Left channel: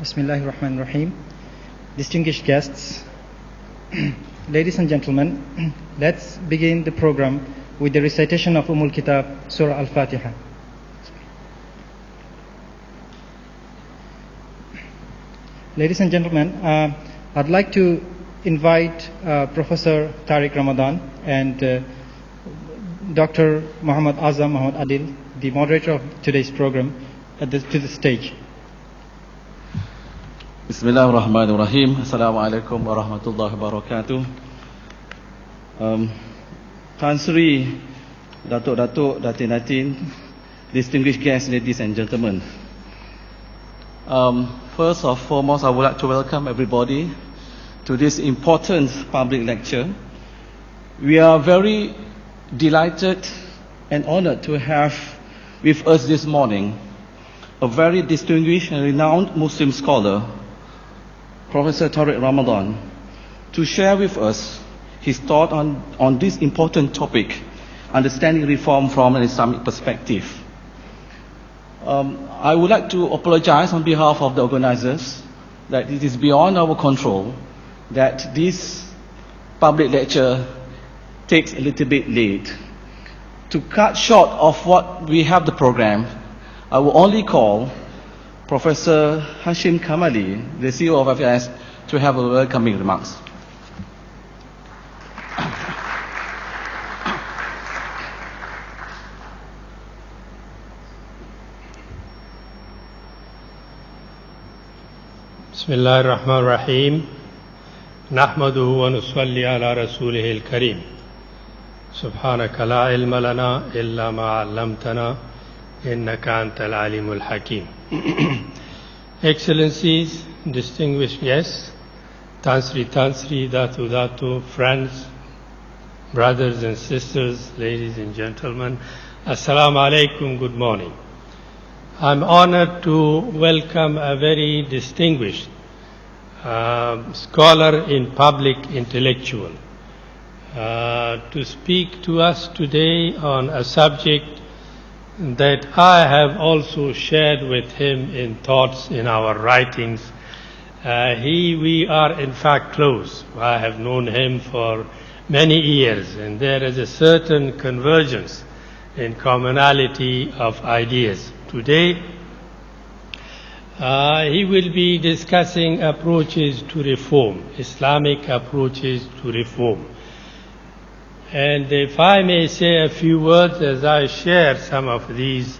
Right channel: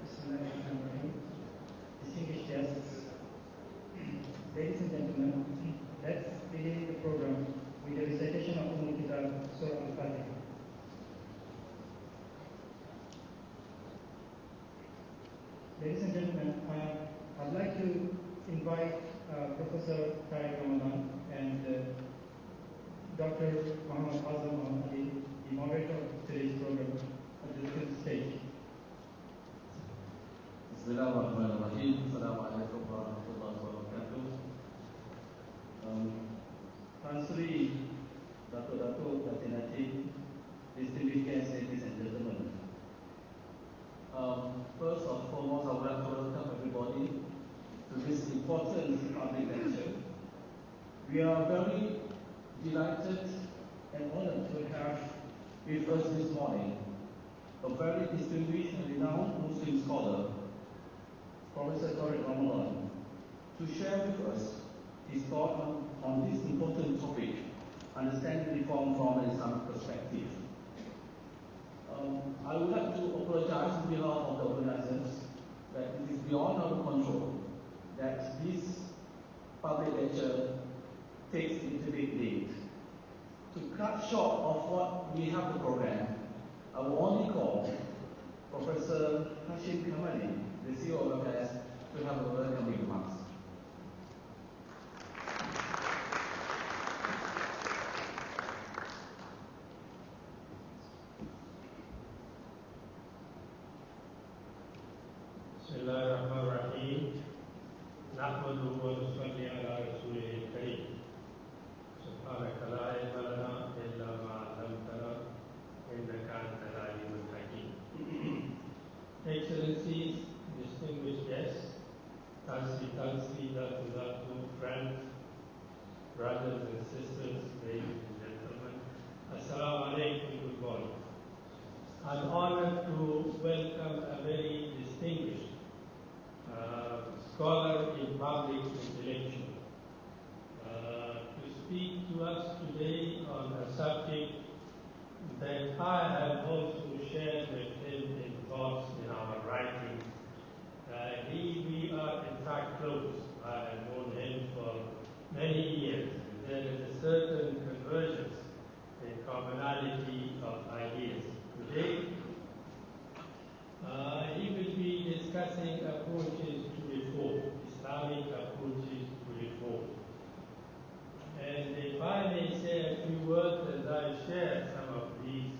Bismillahir Rahmanir Rahim. Distinguished guests, ladies and gentlemen, let's begin the program with the recitation of Kitab, Surah Al-Fatiha. Ladies and gentlemen, I'd like to invite Professor Tariq Ramadan and Dr. Muhammad Abduh, the moderator of today's program, to the stage. Bismillahirrahmanirrahim. Assalamualaikum warahmatullahi wabarakatuh. Tan Sri, Datuk, Datin, distinguished guests, ladies and gentlemen. First and foremost, I would like to welcome everybody to this important public lecture. We are very delighted and honored to have with us this morning a very distinguished and renowned Muslim scholar, Professor Tariq Ramadan, to share with us his thought on this important topic, understanding reform from an Islamic perspective. I would like to apologize on behalf of the organizers that it is beyond our control that this public lecture takes a little bit late. To cut short of what we have the program, I will only call Professor Hashim Kamali, the CEO of FIS, to have a welcoming remarks. Bismillahir Rahmanir Rahim. Nahmaduhu wa nusalli ala rasulihil kareem. Subhanaka la ilma lana illa ma 'allamtana innaka antal alimul hakim. Excellencies, distinguished guests, Tansri, Datu, friends, brothers and sisters, ladies and gentlemen, Assalamu alaikum, good morning. I'm honored to welcome a very distinguished scholar in public intellectual to speak to us today on a subject that I have also shared with him in thoughts in our writings. We are in fact close. I have known him for many years, and there is a certain convergence in commonality of ideas. Today, he will be discussing approaches to reform, Islamic approaches to reform. And if I may say a few words as I share some of these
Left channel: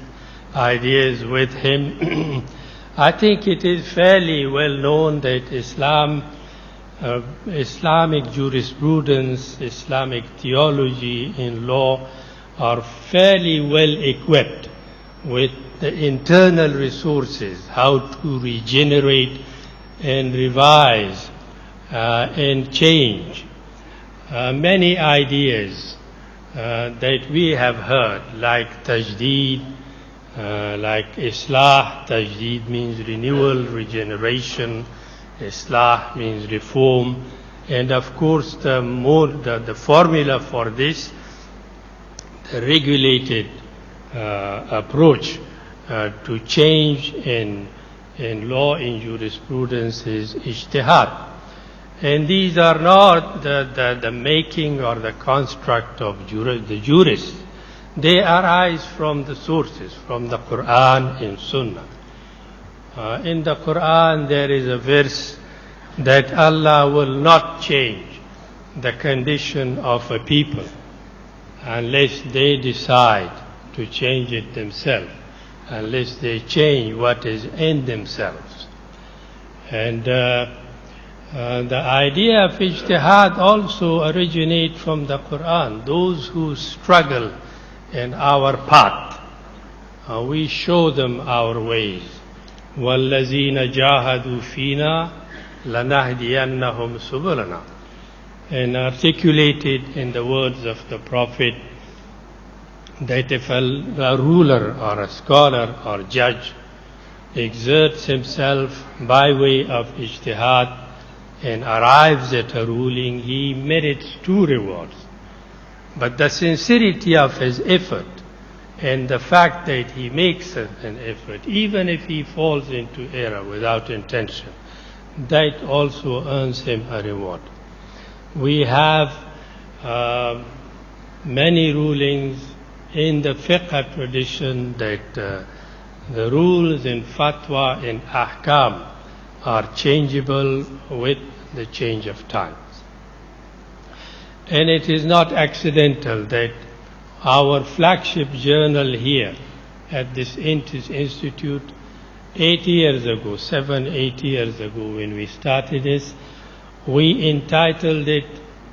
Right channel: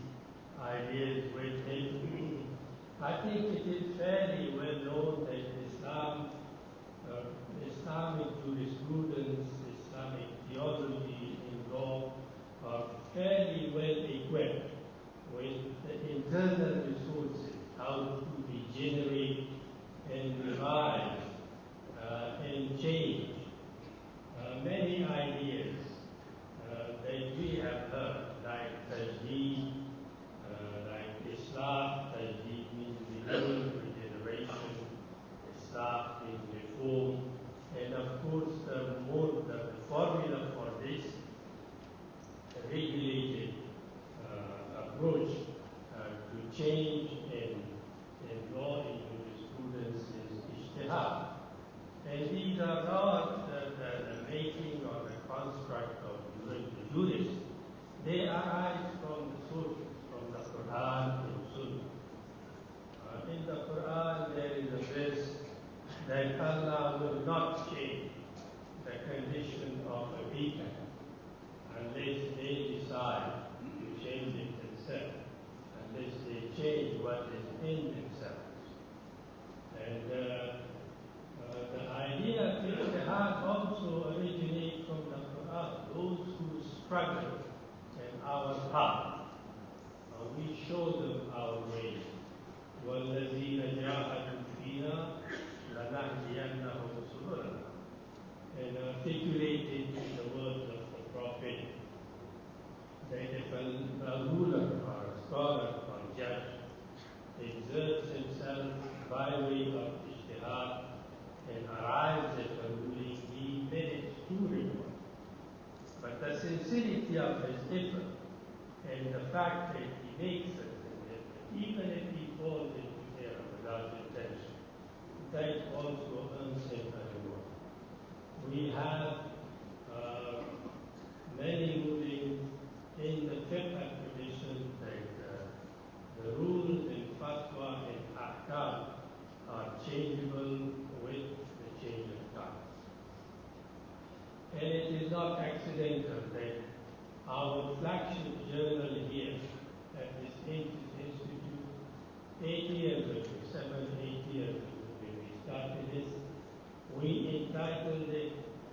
ideas with him, I think it is fairly well known that Islamic jurisprudence, Islamic theology in law are fairly well equipped with the internal resources, how to regenerate and revise and change many ideas that we have heard, like Tajdid, like Islah. Tajdid means renewal, regeneration. Islah means reform. And of course, the formula for this, the regulated approach to change in law, in jurisprudence is Ijtihad. And these are not the making or the construct of the jurists. They arise from the sources, from the Quran and Sunnah. In the Quran there is a verse that Allah will not change the condition of a people unless they decide to change it themselves, unless they change what is in themselves. And the idea of ijtihad also originates from the Quran. Those who struggle in our path, we show them our ways. وَالَّذِينَ جَاهَدُوا فِينَا لَنَهْدِيَنَّهُمْ سُبُلَنَا. And articulated in the words of the Prophet that if a ruler or a scholar or judge exerts himself by way of ijtihad and arrives at a ruling, he merits two rewards. But the sincerity of his effort And the fact that he makes an effort, even if he falls into error without intention, that also earns him a reward. We have many rulings in the fiqh tradition that the rules in fatwa and ahkam are changeable with the change of times. And it is not accidental that our flagship journal here at this institute 8 years ago, 8 years ago when we started this, we entitled it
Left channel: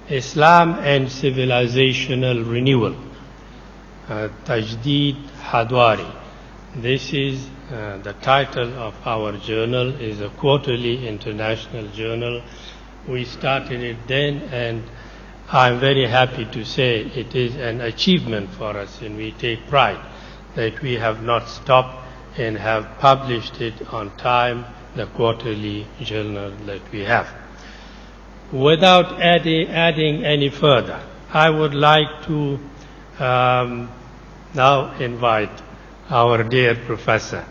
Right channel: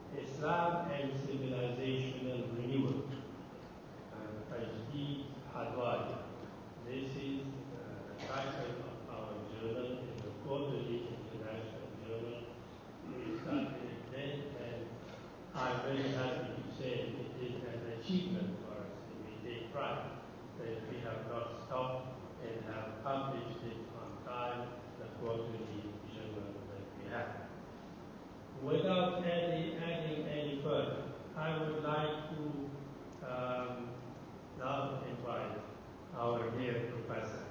Islam and Civilizational Renewal, Tajdid Hadwari. This is the title of our journal, is a quarterly international journal. We started it then, and I'm very happy to say it is an achievement for us, and we take pride that we have not stopped and have published it on time, the quarterly journal that we have. Without adding any further, I would like to now invite our dear Professor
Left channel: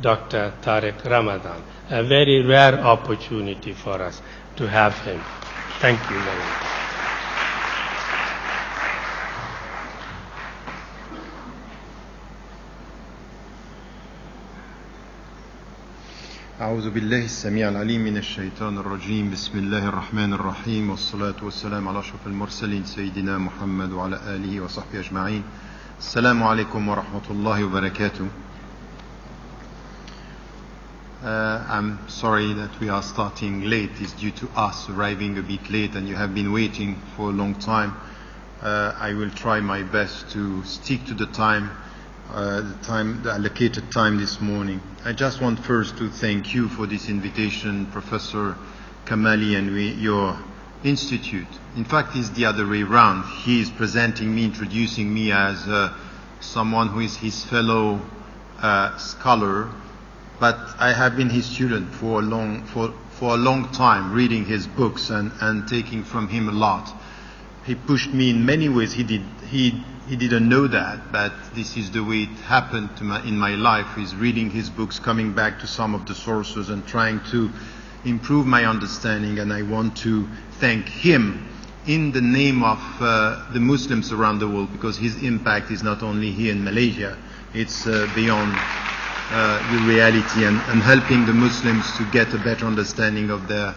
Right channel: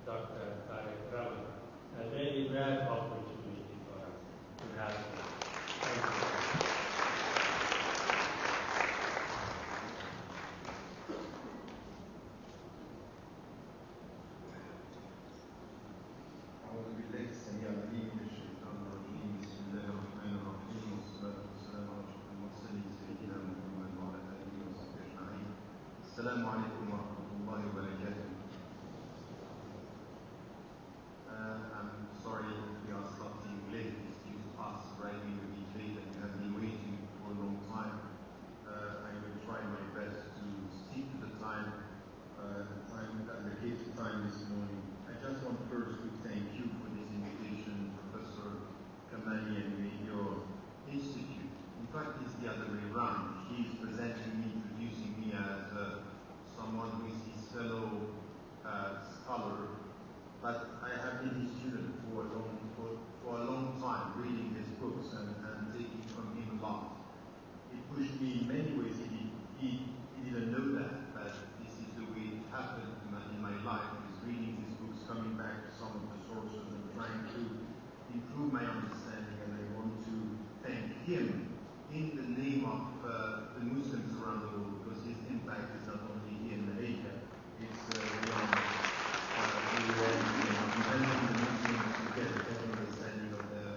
Dr. Tariq Ramadan, a very rare opportunity for us to have him. Thank you very much. أعوذ بالله السميع العليم من الشيطان الرجيم بسم الله الرحمن الرحيم والصلاة والسلام على أشرف المرسلين سيدنا محمد وعلى آله وصحبه أجمعين السلام عليكم ورحمة الله وبركاته. I'm sorry that we are starting late. It's due to us arriving a bit late and you have been waiting for a long time. I will try my best to stick to the allocated time this morning. I just want first to thank you for this invitation, Professor Kamali, and your institute. In fact, it's the other way around. He is presenting me, introducing me as someone who is his fellow scholar, but I have been his student for a long time, reading his books and taking from him a lot. He pushed me in many ways. He didn't know that, but this is the way it happened in my life, is reading his books, coming back to some of the sources and trying to improve my understanding. And I want to thank him in the name of the Muslims around the world, because his impact is not only here in Malaysia, it's beyond the reality and helping the Muslims to get a better understanding of their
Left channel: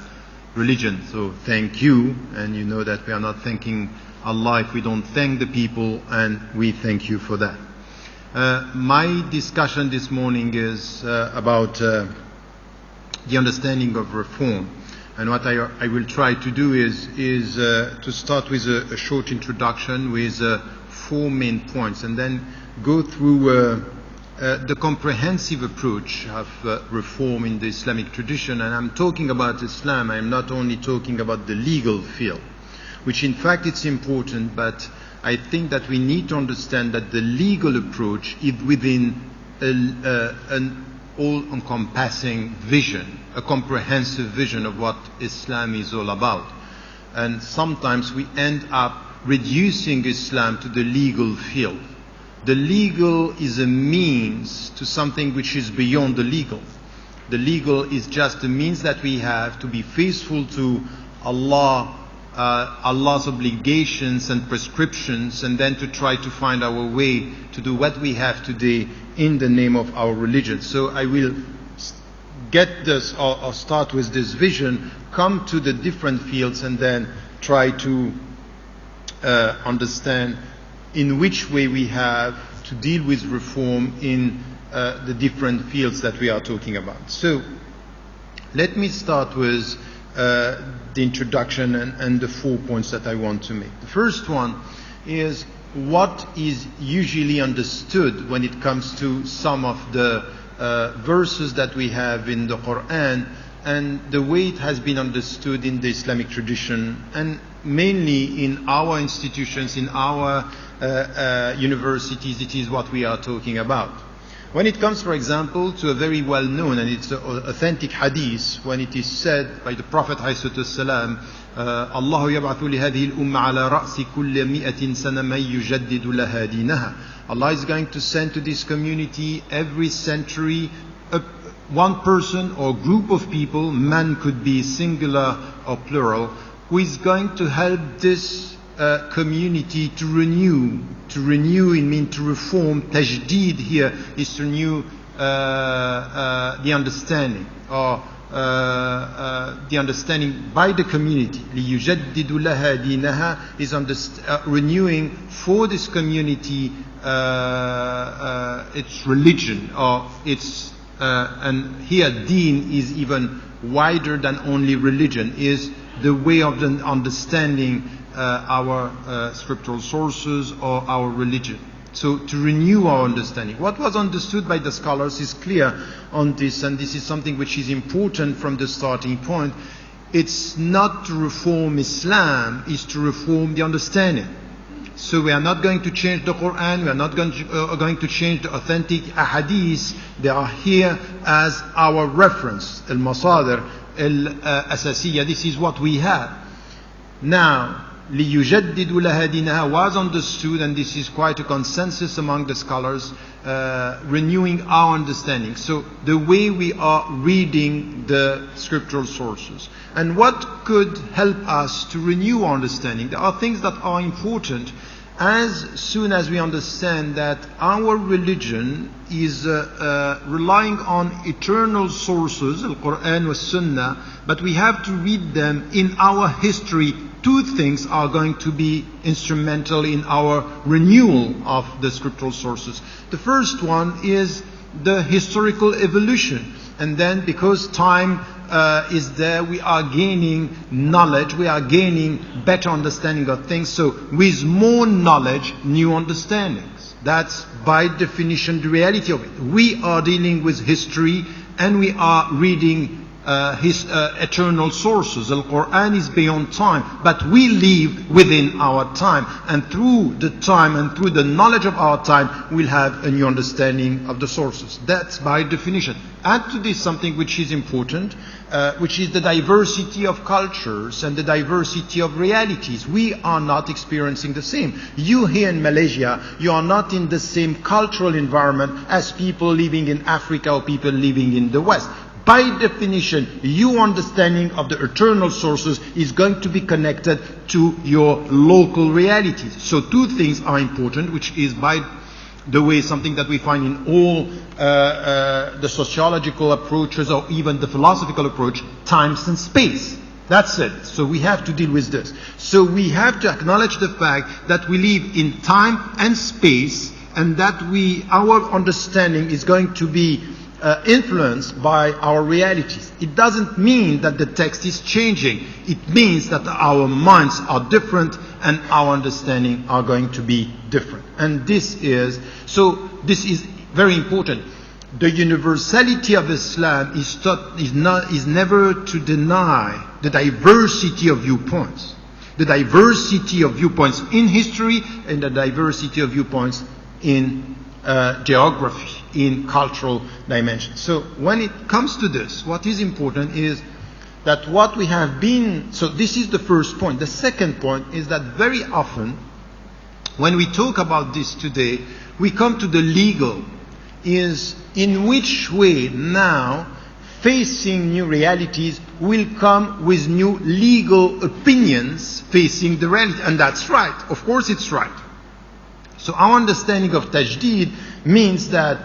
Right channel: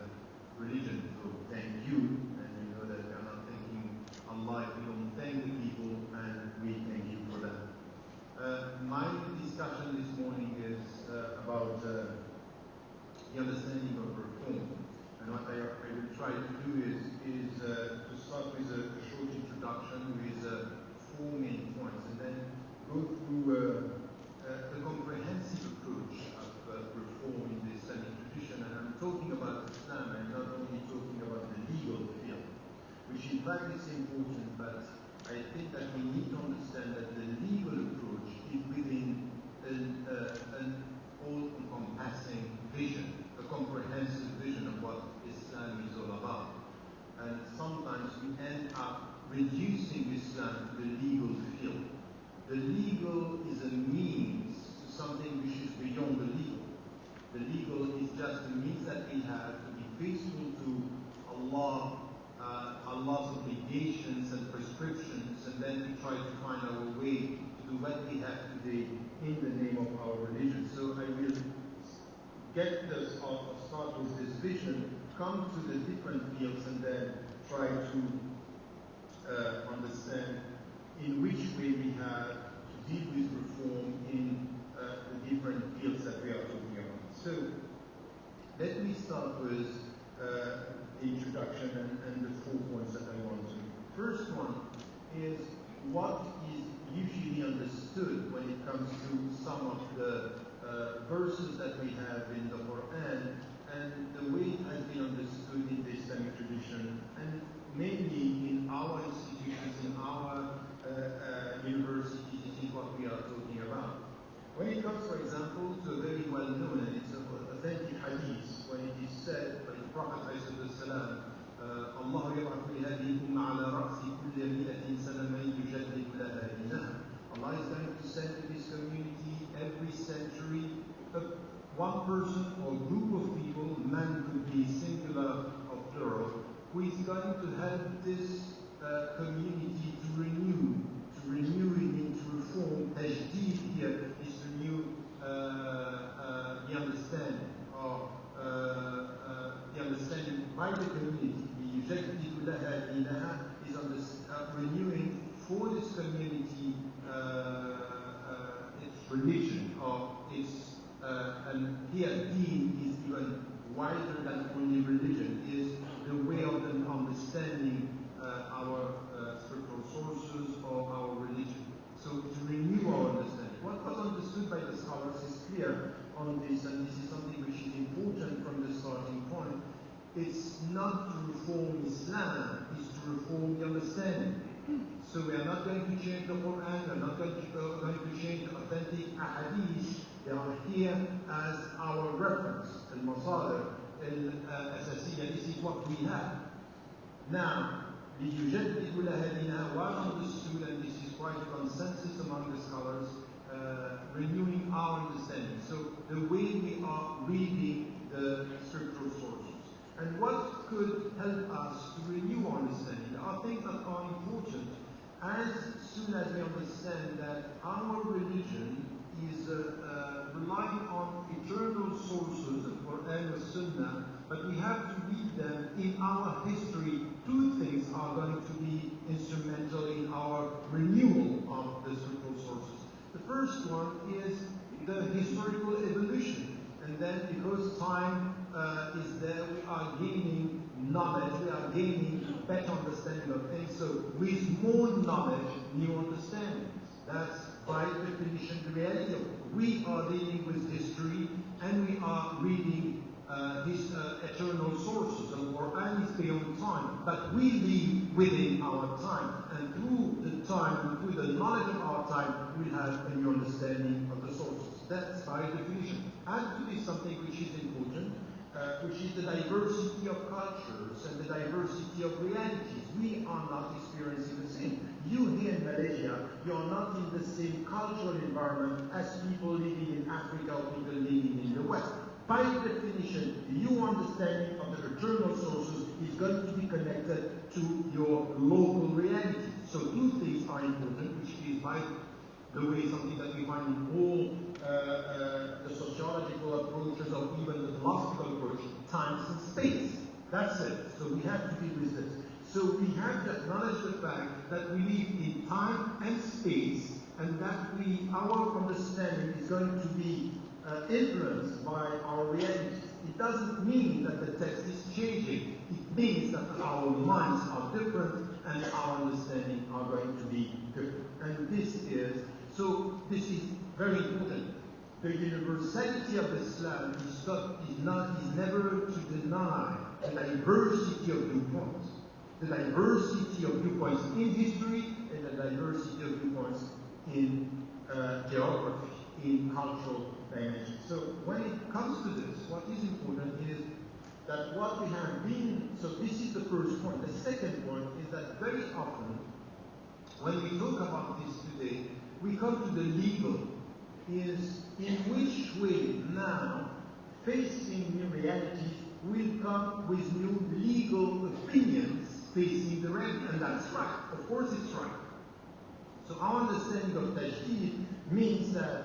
religion. So thank you, and you know that we are not thanking Allah if we don't thank the people, and we thank you for that. My discussion this morning is about the understanding of reform, and what I will try to do is to start with a short introduction with 4 main points, and then go through the comprehensive approach of reform in the Islamic tradition. And I'm talking about Islam, I'm not only talking about the legal field, which in fact it's important, but I think that we need to understand that the legal approach is within an all-encompassing vision, a comprehensive vision of what Islam is all about. And sometimes we end up reducing Islam to the legal field. The legal is a means to something which is beyond the legal. The legal is just a means that we have to be faithful to Allah, Allah's obligations and prescriptions, and then to try to find our way to do what we have today in the name of our religion. So I will get this, or start with this vision, come to the different fields, and then try to understand in which way we have to deal with reform in the different fields that we are talking about. So let me start with the introduction and the 4 points that I want to make. The first one is what is usually understood when it comes to some of the verses that we have in the Quran, and the way it has been understood in the Islamic tradition, and mainly in our institutions, in our universities. It is what we are talking about. When it comes, for example, to a very well-known and it's authentic hadith, when it is said by the Prophet ﷺ, الله يبعث لهذه الأمة على رأس كل 100 سنة من يجدد لها دينها. Allah is going to send to this community every century one person or group of people, man could be singular or plural, who is going to help this community to renew. To renew, it means to reform. Tajdid here is to renew the understanding, or the understanding by the community. لِيُجَدِّدُ لَهَا دِينَهَا is renewing for this community its religion, or its and here deen is even wider than only religion, is the way of understanding our scriptural sources or our religion. So to renew our understanding. What was understood by the scholars is clear on this, and this is something which is important from the starting point. It's not to reform Islam, it's to reform the understanding. So we are not going to change the Quran, we are not going to change the authentic ahadith. They are here as our reference, al-masadir, al-asasiyya. This is what we have. Now, لِيُجَدِّدُ لَهَا دِينَهَا was understood, and this is quite a consensus among the scholars, renewing our understanding. So the way we are reading the scriptural sources. And what could help us to renew our understanding? There are things that are important as soon as we understand that our religion is relying on eternal sources, al-Quran wa Sunnah, but we have to read them in our history. Two things are going to be instrumental in our renewal of the scriptural sources. The first one is the historical evolution. And then because time is there, we are gaining knowledge, we are gaining better understanding of things. So with more knowledge, new understandings. That's by definition the reality of it. We are dealing with history and we are reading his eternal sources. Al-Quran is beyond time, but we live within our time, and through the time and through the knowledge of our time we'll have a new understanding of the sources. That's by definition. Add to this something which is important, which is the diversity of cultures and the diversity of realities. We are not experiencing the same. You here in Malaysia, you are not in the same cultural environment as people living in Africa or people living in the West. By definition, your understanding of the eternal sources is going to be connected to your local realities. So two things are important, which is, by the way, something that we find in all the sociological approaches or even the philosophical approach: time and space. That's it. So we have to deal with this. So we have to acknowledge the fact that we live in time and space, and that our understanding is going to be influenced by our realities. It doesn't mean that the text is changing. It means that our minds are different and our understanding are going to be different. And this is very important. The universality of Islam is never to deny the diversity of viewpoints. The diversity of viewpoints in history and the diversity of viewpoints in geography, in cultural dimensions. So when it comes to this, what is important is that what we have been, so this is the first point. The second point is that very often when we talk about this today, we come to the legal, is in which way now facing new realities will come with new legal opinions facing the reality. And that's right. Of course it's right. So our understanding of Tajdid means that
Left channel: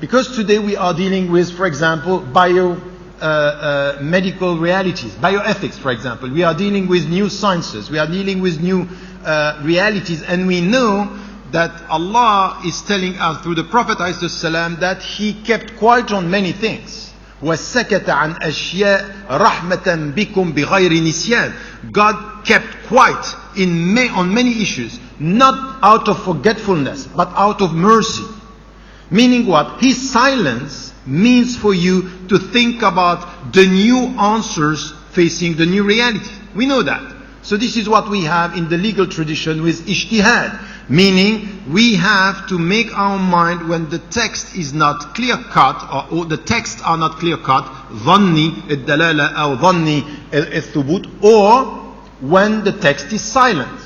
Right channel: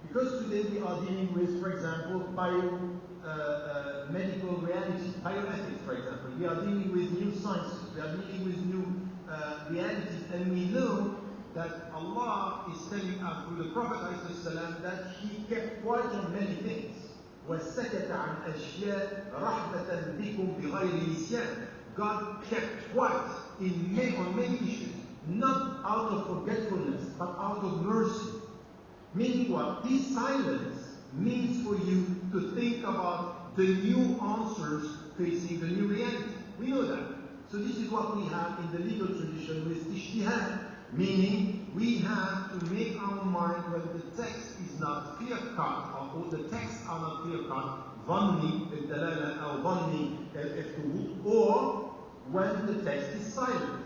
because today we are dealing with, for example, medical realities, bioethics, for example. We are dealing with new sciences. We are dealing with new realities. And we know that Allah is telling us through the Prophet ﷺ that He kept quiet on many things. وَسَكَتَ عَنْ أَشْيَاءَ رَحْمَةً بِكُمْ بِغَيْرِ نِسْيَانٍ. God kept quiet on many issues, not out of forgetfulness, but out of mercy. Meaning what? His silence means for you to think about the new answers facing the new reality. We know that. So this is what we have in the legal tradition with Ijtihad. Meaning we have to make our mind when the text is not clear-cut, or the texts are not clear-cut, ظني الدلالة أو ظني الثبوت, or when the text is silent.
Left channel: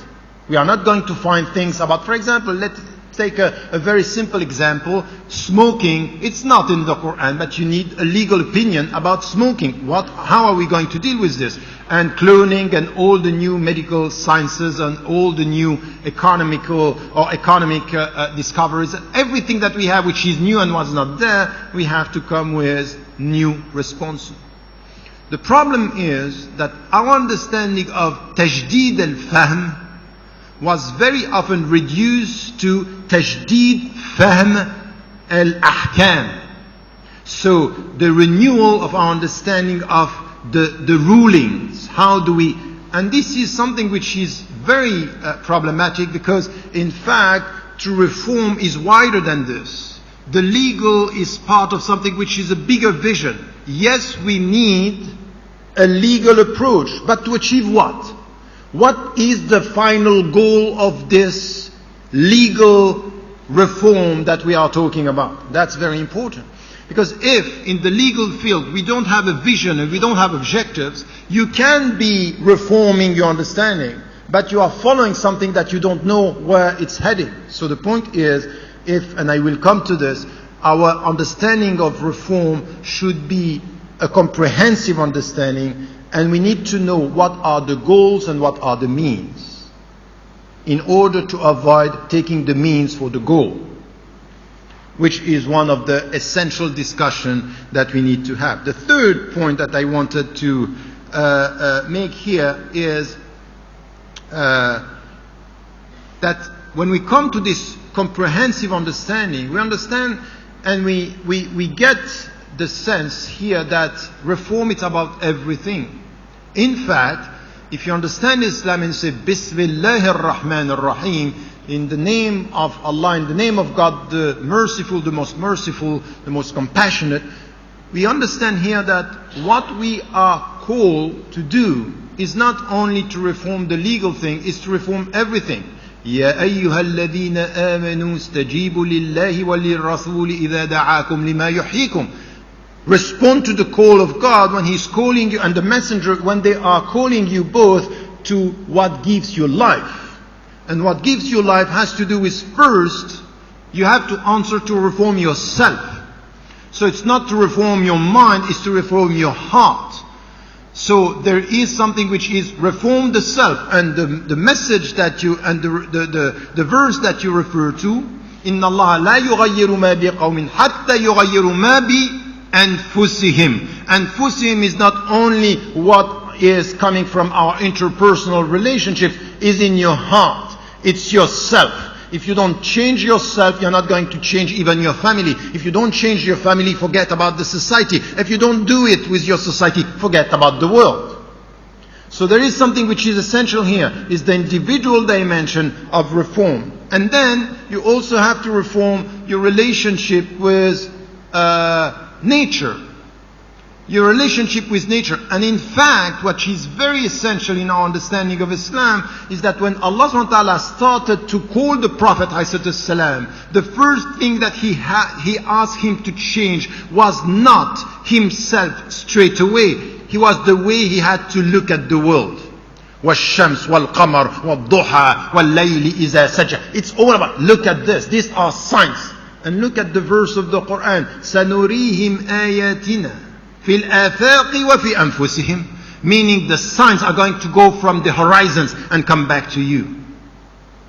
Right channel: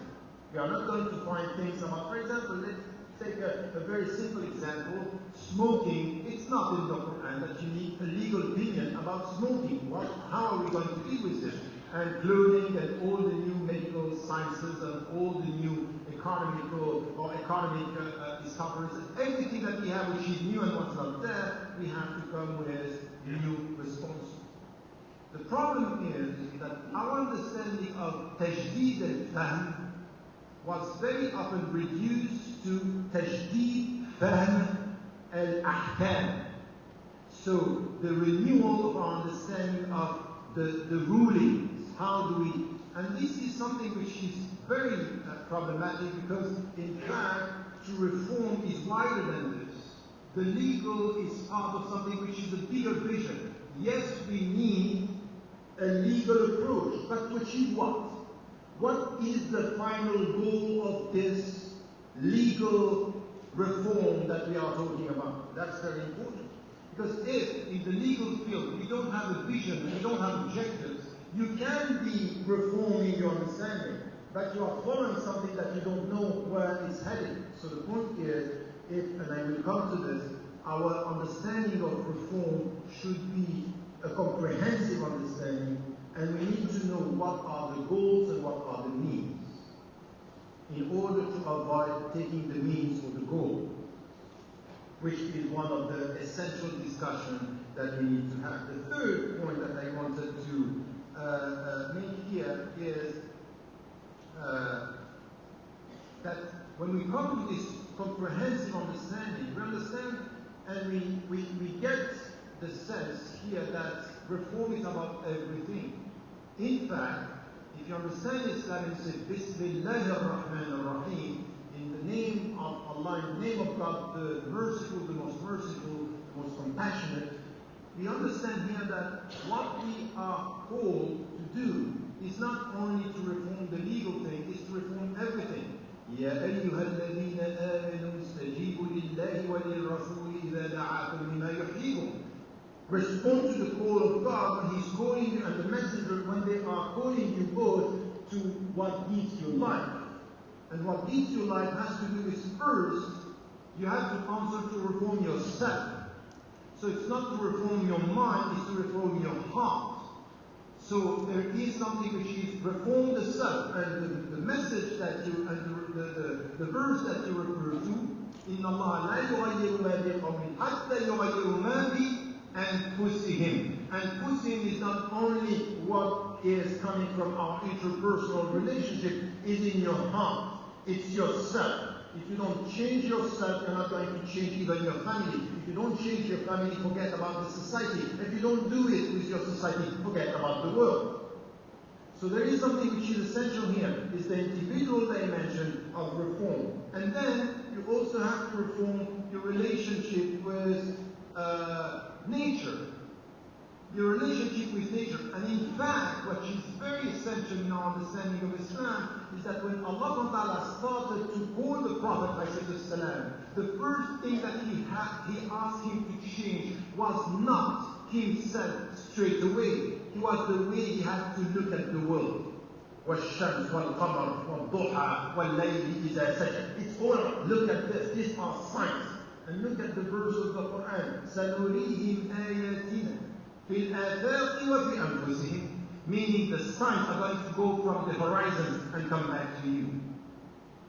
We are not going to find things about, for example, let's take a very simple example. Smoking, it's not in the Quran, but you need a legal opinion about smoking. How are we going to deal with this? And cloning and all the new medical sciences and all the new economic discoveries, everything that we have which is new and was not there, we have to come with new responses. The problem is that our understanding of Tajdid al-Fahm was very often reduced to Tajdid Fahm al-Ahkam. So the renewal of our understanding of the rulings. How do we... And this is something which is very problematic, because in fact to reform is wider than this. The legal is part of something which is a bigger vision. Yes, we need a legal approach, but to achieve what? What is the final goal of this legal reform that we are talking about? That's very important. Because if in the legal field we don't have a vision and we don't have objectives, you can be reforming your understanding, but you are following something that you don't know where it's heading. So the point is, and I will come to this, our understanding of reform should be a comprehensive understanding, and we need to know what are the goals and what are the means, in order to avoid taking the means for the goal, which is one of the essential discussion that we need to have. The third point that I wanted to make here is that when we come to this comprehensive understanding, we understand and we get the sense here that reform is about everything. In fact, if you understand Islam and say Bismillahir Rahmanir Rahim, in the name of Allah, in the name of God, the merciful, the most compassionate, we understand here that what we are called to do is not only to reform the legal thing, is to reform everything. يا أيها الذين آمنوا استجيبوا لله وللرسول إذا دعاكم لما يحييكم. Respond to the call of God when He's calling you, and the messenger when they are calling you both to what gives you life. And what gives you life has to do with, first, you have to answer to reform yourself. So it's not to reform your mind, it's to reform your heart. So there is something which is reform the self, and the message that you, and the verse that you refer to, إِنَّ اللَّهَ لَا يُغَيِّرُ مَا بِقَوْمٍ حَتَّى يُغَيِّرُ مَا بِأَنفُسِهِمْ. Anfusihim is not only what is coming from our interpersonal relationships, is in your heart. It's yourself. If you don't change yourself, you're not going to change even your family. If you don't change your family, forget about the society. If you don't do it with your society, forget about the world. So there is something which is essential here, is the individual dimension of reform. And then you also have to reform your relationship with nature. Your relationship with nature. And in fact, what is very essential in our understanding of Islam is that when Allah subhanahu wa ta'ala started to call the Prophet ﷺ, the first thing that he asked him to change was not himself straight away. He was the way he had to look at the world. وَالشَّمْسِ وَالْقَمَرِ وَالضُّحَى وَاللَّيْلِ إِذَا سَجَى. It's all about, look at this. These are signs. And look at the verse of the Quran. سَنُرِيهِمْ آيَاتِنَا فِي الْآفَاقِ وَفِي أَنفُسِهِمْ. Meaning the signs are going to go from the horizons and come back to you.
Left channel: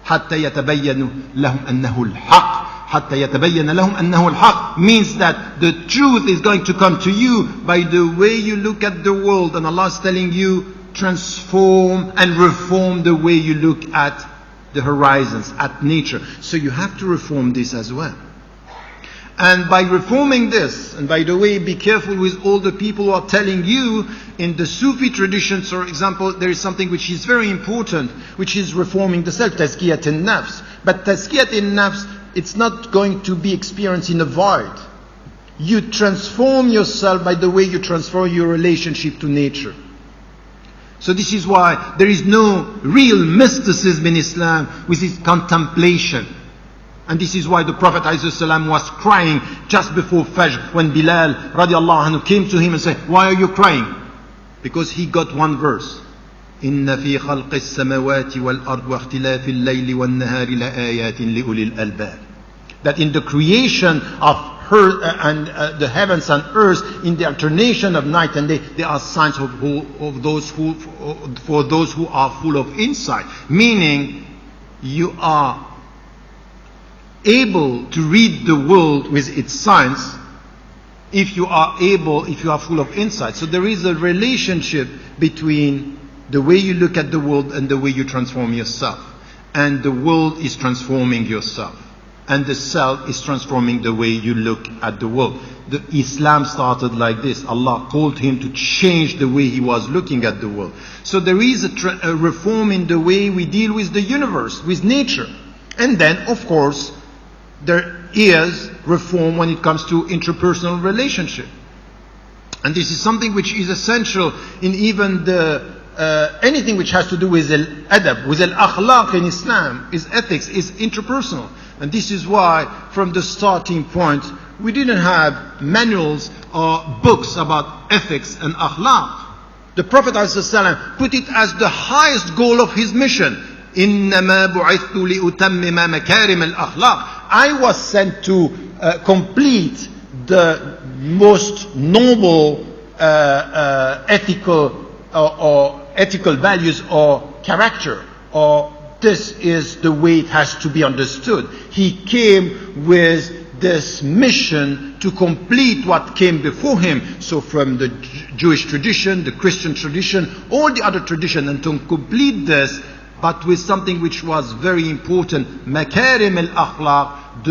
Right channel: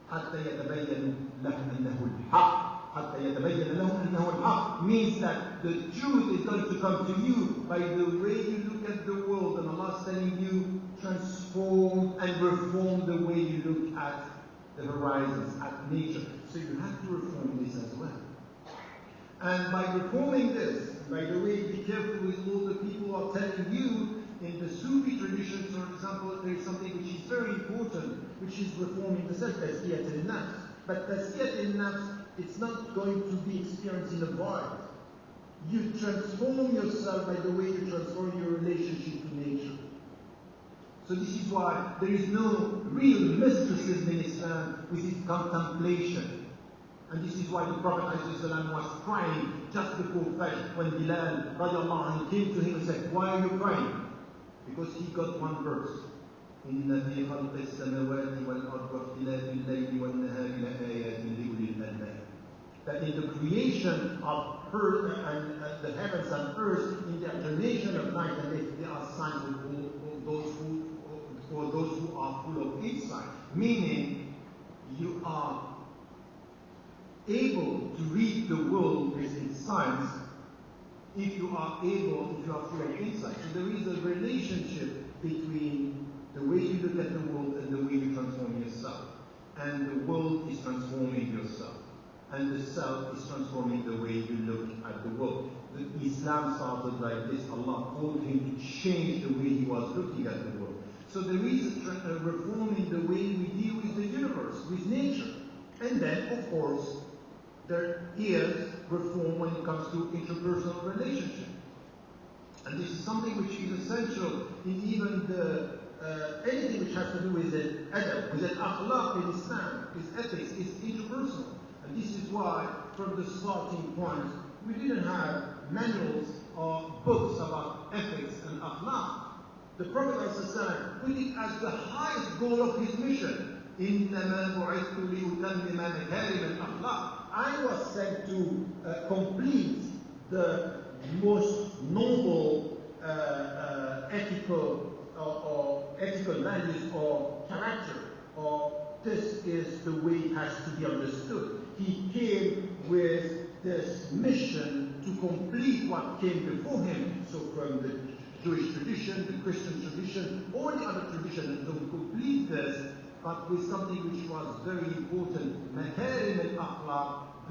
حَتَّى يَتَبَيَّنُ لَهُمْ أَنَّهُ الْحَقِّ. حَتَّى يَتَبَيَّنَ لَهُمْ أَنَّهُ الْحَقِّ means that the truth is going to come to you by the way you look at the world. And Allah is telling you, transform and reform the way you look at the horizons, at nature. So you have to reform this as well. And by reforming this, and by the way, be careful with all the people who are telling you, in the Sufi traditions, for example, there is something which is very important, which is reforming the self, tazkiyat al-nafs. But tazkiyat al-nafs, it's not going to be experienced in a void. You transform yourself by the way you transform your relationship to nature. So this is why there is no real mysticism in Islam with its contemplation. And this is why the Prophet ﷺ was crying just before Fajr when Bilal radiallahu anhu came to him and said, why are you crying? Because he got one verse. إن في خلق السماوات والأرض واختلاف الليل والنهار لآيات لأولي الألباب. That in the creation of her and the heavens and earth, in the alternation of night and day, there are signs of those who, for those who are full of insight. Meaning, you are able to read the world with its signs if you are full of insight. So there is a relationship between the way you look at the world and the way you transform yourself. And the world is transforming yourself. And the self is transforming the way you look at the world. The Islam started like this. Allah called him to change the way he was looking at the world. So there is a reform in the way we deal with the universe, with nature. And then, of course, there is reform when it comes to interpersonal relationship. And this is something which is essential in even anything which has to do with al-adab, with al-akhlaq in Islam, is ethics, is interpersonal. And this is why, from the starting point, we didn't have manuals or books about ethics and akhlaq. The Prophet ﷺ put it as the highest goal of his mission. إِنَّمَا بُعِثْتُ لِأُتَمِّمَ مَكَارِمَ الْأَخْلَاقِ. I was sent to complete the most noble ethical or ethical values or character, or this is the way it has to be understood. He came with this mission to complete what came before him. So from the Jewish tradition, the Christian tradition, all the other tradition, and to complete this, but with something which was very important, makarim al-akhlaq,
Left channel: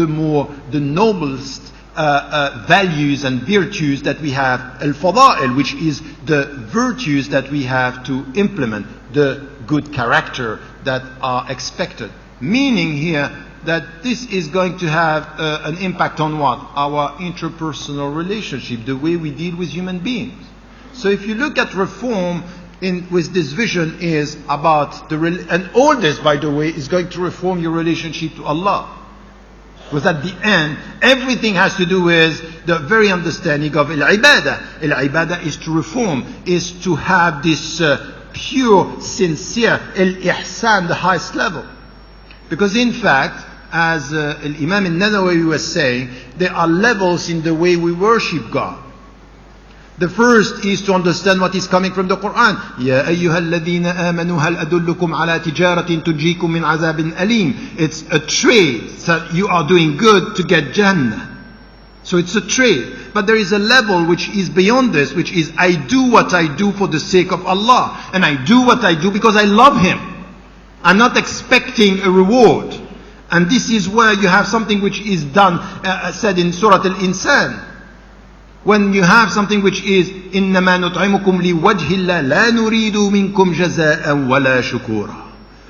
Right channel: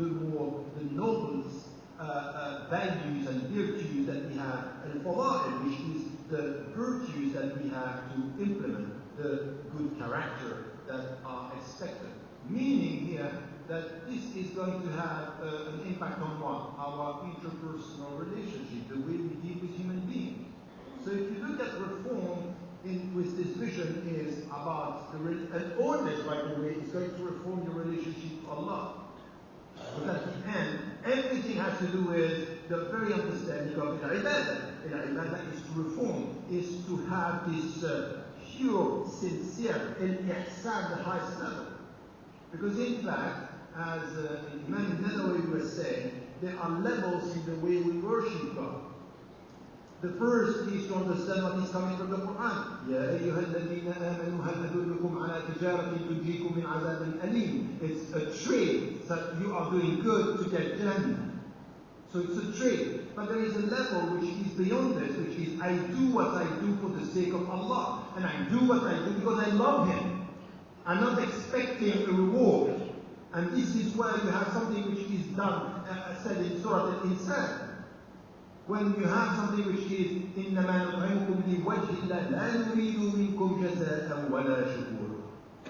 the noblest values and virtues that we have, al-fada'il, which is the virtues that we have to implement, the good character that are expected. Meaning here that this is going to have an impact on what? Our interpersonal relationship, the way we deal with human beings. So if you look at reform with this vision is about and all this, by the way, is going to reform your relationship to Allah. Because at the end, everything has to do with the very understanding of al-ibadah. Al-ibadah is to reform, is to have this pure, sincere, al-ihsan, the highest level. Because in fact, as Imam al-Nawawi was saying, there are levels in the way we worship God. The first is to understand what is coming from the Quran. يَا أَيُّهَا الَّذِينَ آمَنُوا هَلْ أَدُلُّكُمْ عَلَى تِجَارَةٍ تُنْجِيكُم مِّنْ عَذَابٍ أَلِيمٍ. It's a trade. So you are doing good to get Jannah. So it's a trade. But there is a level which is beyond this, which is I do what I do for the sake of Allah. And I do what I do because I love Him. I'm not expecting a reward. And this is where you have something which is done, said in Surah Al-Insan. When you have something which is إِنَّمَا نُطْعِمُكُمْ لِوَجْهِ اللَّهِ لَا نُرِيدُ مِنْكُمْ جَزَاءً وَلَا شُكُورًا.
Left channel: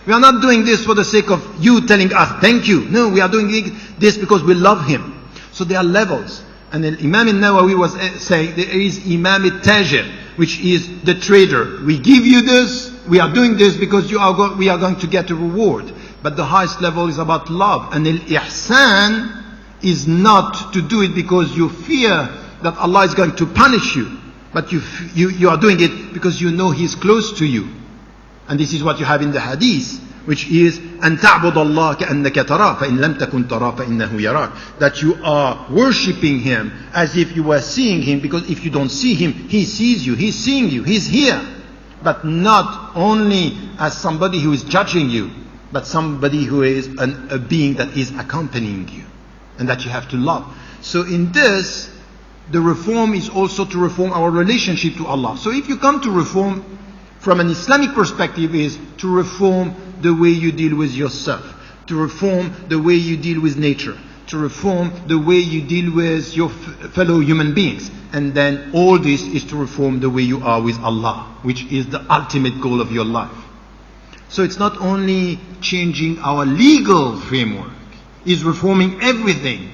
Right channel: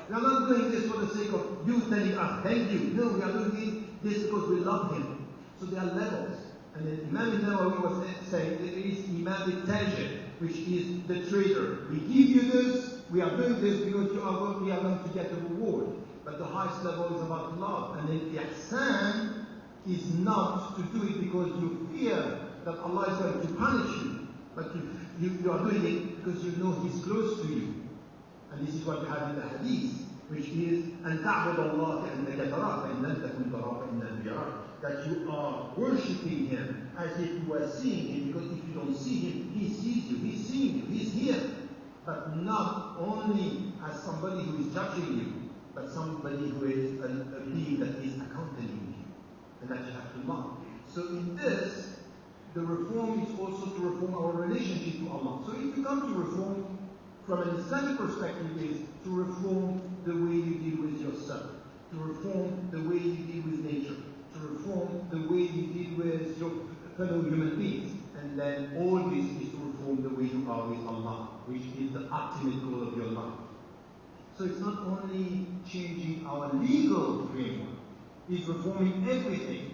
We are not doing this for the sake of you telling us thank you. No, we are doing this because we love Him. So there are levels. And Imam al-Nawawi was saying there is Imam al-Tajir, which is the trader. We give you this, we are doing this because we are going to get a reward. But the highest level is about love. And al-ihsan is not to do it because you fear that Allah is going to punish you, but you are doing it because you know He is close to you. And this is what you have in the hadith, which is أَن تَعْبُدَ اللَّهَ كَأَنَّكَ تَرَاهُ فَإِن لَمْ تَكُنْ تَرَاهُ فَإِنَّهُ يَرَاكَ. That you are worshipping Him as if you were seeing Him, because if you don't see Him, He sees you, He's seeing you, He's here. But not only as somebody who is judging you, but somebody who is a being that is accompanying you, and that you have to love. So in this, the reform is also to reform our relationship to Allah. So if you come to reform from an Islamic perspective, is to reform the way you deal with yourself, to reform the way you deal with nature, to reform the way you deal with your fellow human beings. And then all this is to reform the way you are with Allah, which is the ultimate goal of your life. So it's not only changing our legal framework, it's reforming everything.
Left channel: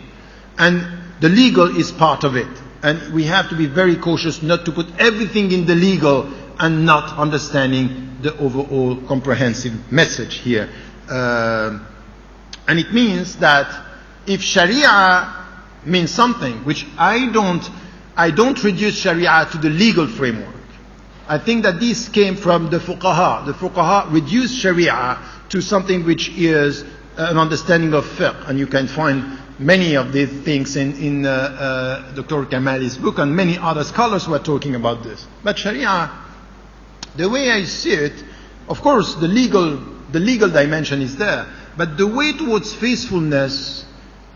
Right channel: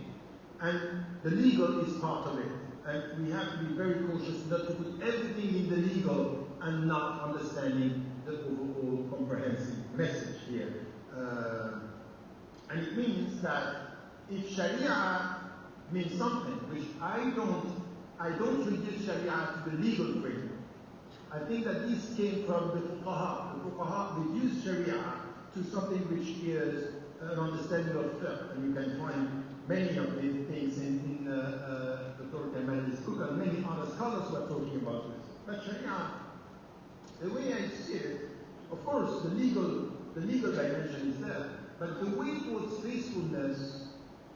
And the legal is part of it. And we have to be very cautious not to put everything in the legal and not understanding the overall comprehensive message here. And it means that if Sharia means something, which I don't reduce Sharia to the legal framework. I think that this came from the fuqaha. The fuqaha reduced Sharia to something which is an understanding of fiqh, and you can find many of these things in Dr. Kamali's book, and many other scholars were talking about this. But Sharia, the way I see it, of course, the legal dimension is there, but the way towards faithfulness,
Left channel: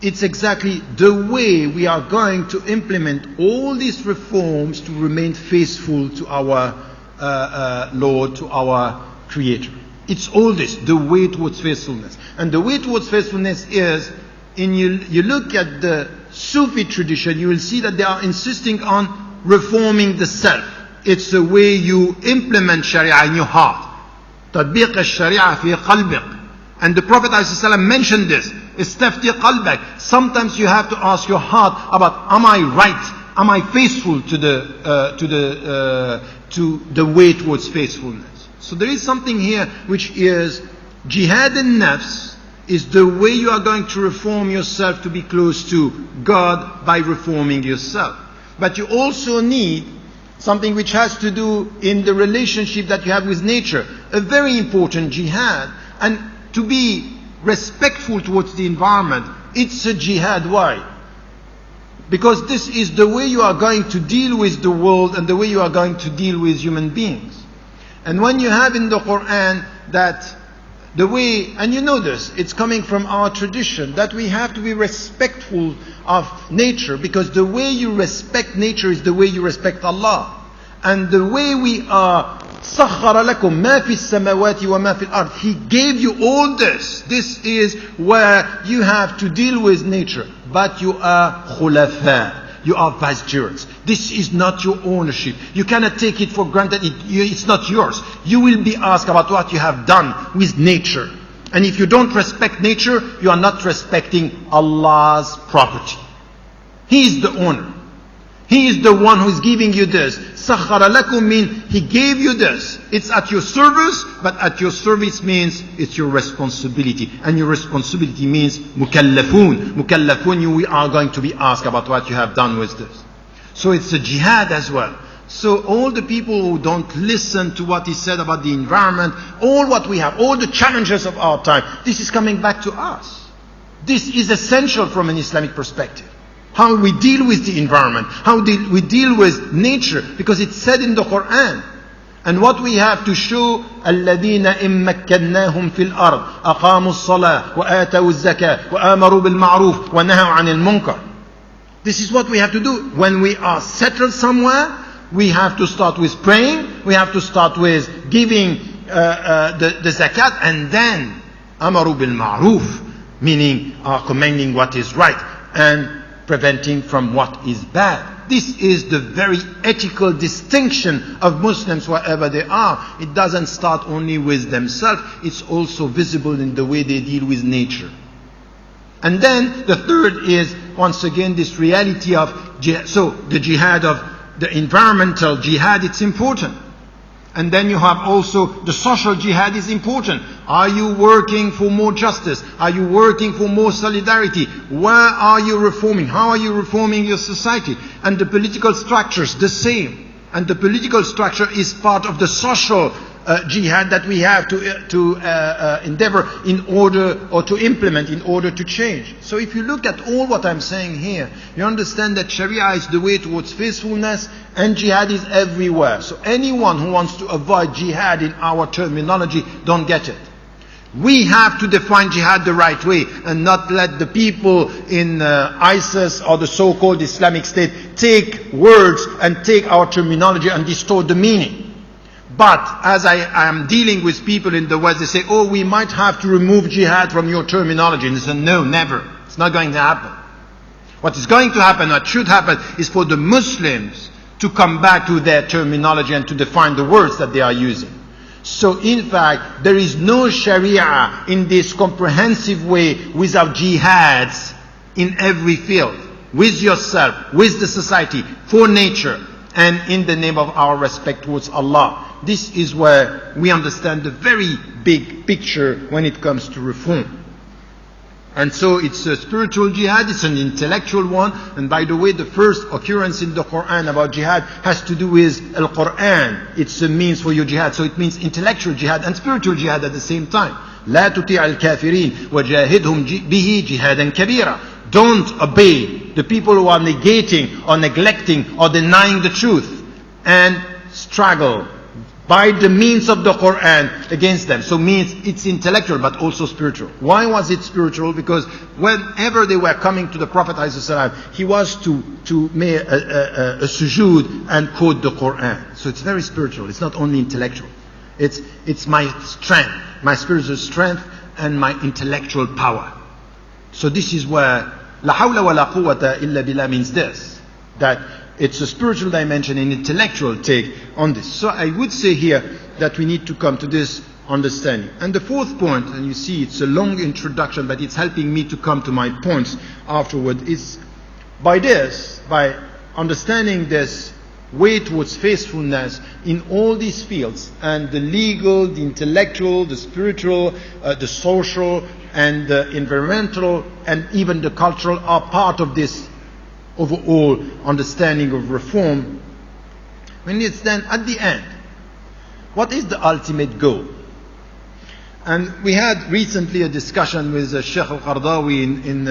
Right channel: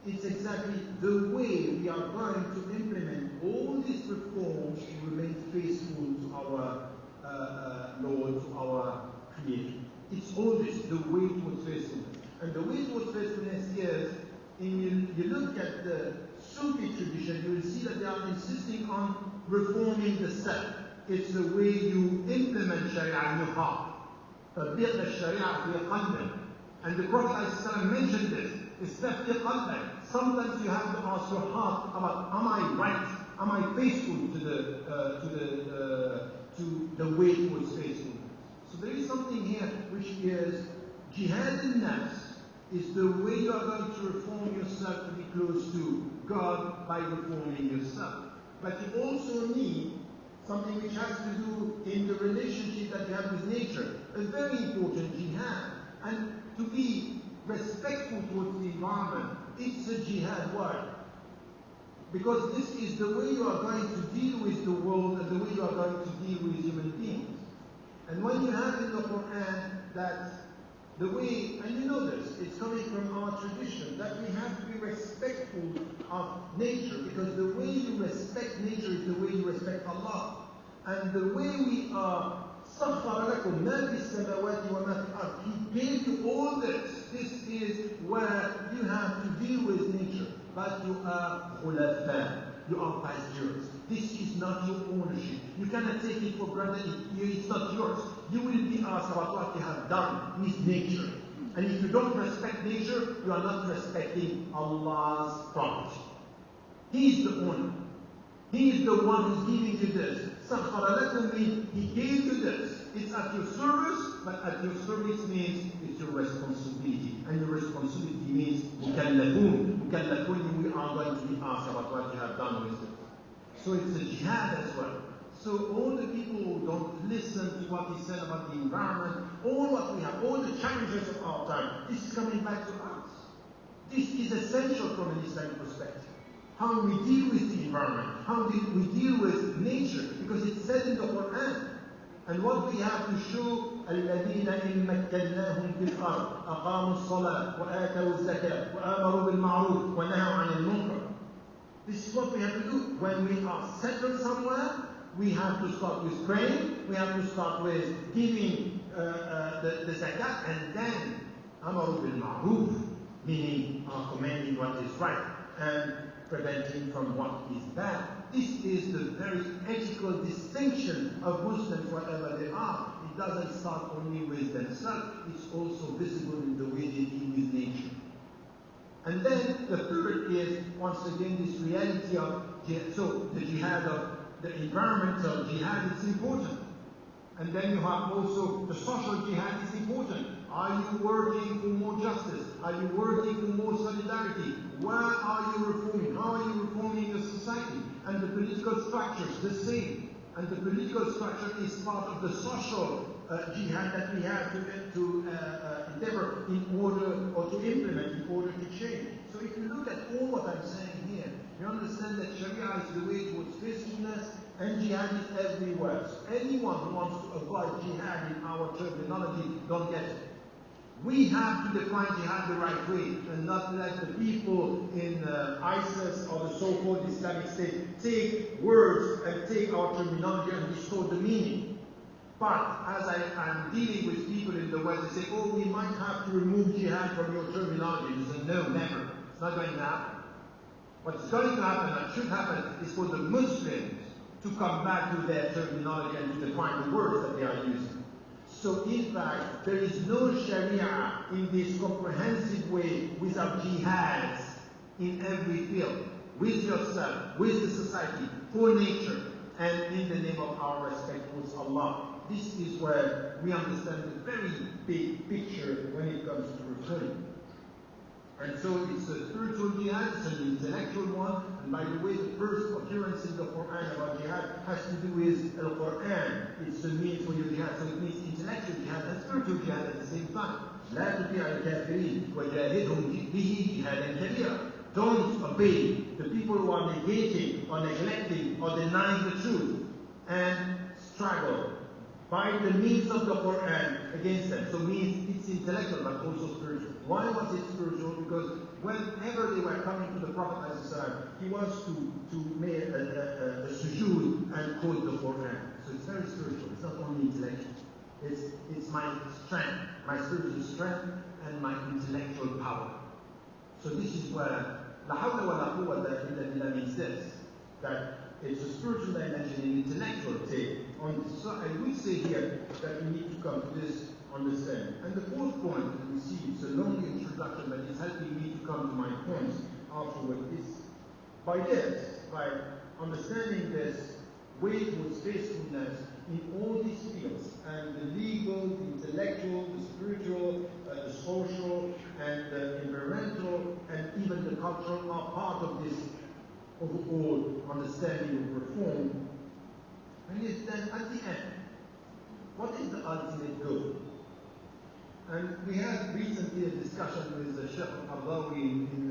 it's exactly the way we are going to implement all these reforms to remain faithful to our Lord, to our Creator. It's all this, the way towards faithfulness. And the way towards faithfulness is, you look at the Sufi tradition, you will see that they are insisting on reforming the self. It's the way you implement Sharia in your heart. تطبيق الشريعة في قلبك. And the Prophet ﷺ mentioned this. استفتي قلبك. Sometimes you have to ask your heart about, am I right? Am I faithful to the way towards faithfulness? So there is something here which is jihad al-nafs, is the way you are going to reform yourself to be close to God by reforming yourself. But you also need something which has to do in the relationship that you have with nature. A very important jihad. And to be respectful towards the environment, it's a jihad. Why? Because this is the way you are going to deal with the world and the way you are going to deal with human beings. And when you have in the Quran that the way, and you know this, it's coming from our tradition, that we have to be respectful of nature, because the way you respect nature is the way you respect Allah. And the way we are, سَخَّرَ لَكُم مَا فِي السَّمَاوَاتِ وَمَا فِي الْأَرْضِ. He gave you all this. This is where you have to deal with nature. But you are khulafa. You are vicegerents. This is not your ownership. You cannot take it for granted. It's not yours. You will be asked about what you have done with nature. And if you don't respect nature, you are not respecting Allah's property. He is the owner. He is the one who is giving you this. سَخَّرَ لَكُم means He gave you this. It's at your service, but at your service means it's your responsibility. And your responsibility means mukallafun. Mukallafun, we are going to be asked about what you have done with this. So it's a jihad as well. So all the people who don't listen to what is said about the environment, all what we have, all the challenges of our time, this is coming back to us. This is essential from an Islamic perspective. How we deal with the environment, how we deal with nature, because it's said in the Quran. And what we have to show, الَّذِينَ إِن مَّكَّنَّاهُمْ فِي الْأَرْضِ أَقَامُوا الصَّلَاةَ وَآتَوُا الزَّكَاةَ وَآمَرُوا بِالْمَعْرُوفِ وَنَهَوْا عَنِ الْمُنكَرِ. This is what we have to do. When we are settled somewhere, we have to start with praying, we have to start with giving the zakat, and then أَمَرُوا بِالْمَعْرُوفِ, meaning commanding what is right, and preventing from what is bad. This is the very ethical distinction of Muslims wherever they are. It doesn't start only with themselves, it's also visible in the way they deal with nature. And then the third is, once again, this reality of jihad. So the jihad of the environmental jihad, it's important. And then you have also the social jihad is important. Are you working for more justice? Are you working for more solidarity? Where are you reforming? How are you reforming your society? And the political structures, the same. And the political structure is part of the social jihad that we have to endeavor in order, or to implement in order to change. So if you look at all what I'm saying here, you understand that Sharia is the way towards faithfulness, and jihad is everywhere. So anyone who wants to avoid jihad in our terminology don't get it. We have to define jihad the right way, and not let the people in ISIS or the so-called Islamic State take words and take our terminology and distort the meaning. But as I am dealing with people in the West, they say, oh, we might have to remove jihad from your terminology. And they say, no, never. It's not going to happen. What is going to happen, what should happen, is for the Muslims to come back to their terminology and to define the words that they are using. So in fact, there is no Sharia in this comprehensive way without jihads in every field. With yourself, with the society, for nature, and in the name of our respect towards Allah. This is where we understand the very big picture when it comes to reform. And so it's a spiritual jihad, it's an intellectual one. And by the way, the first occurrence in the Quran about jihad has to do with al-Quran. It's a means for your jihad. So it means intellectual jihad and spiritual jihad at the same time. لا تطيع الكافرين وجاهدهم به جهادا كبيرا. Don't obey the people who are negating or neglecting or denying the truth, and struggle by the means of the Quran against them. So means it's intellectual but also spiritual. Why was it spiritual? Because whenever they were coming to the Prophet ﷺ, he was to make a sujood and quote the Quran. So it's very spiritual. It's not only intellectual. It's my strength, my spiritual strength and my intellectual power. So this is where La hawla wa la quwwata illa billah means this, that it's a spiritual dimension and intellectual take on this. So I would say here that we need to come to this understanding. And the fourth point, and you see it's a long introduction, but it's helping me to come to my points afterward, is by understanding this way towards faithfulness in all these fields, and the legal, the intellectual, the spiritual, the social, and the environmental, and even the cultural are part of this overall understanding of reform. When it's then at the end, what is the ultimate goal? And we had recently a discussion with Sheikh al-Qardawi in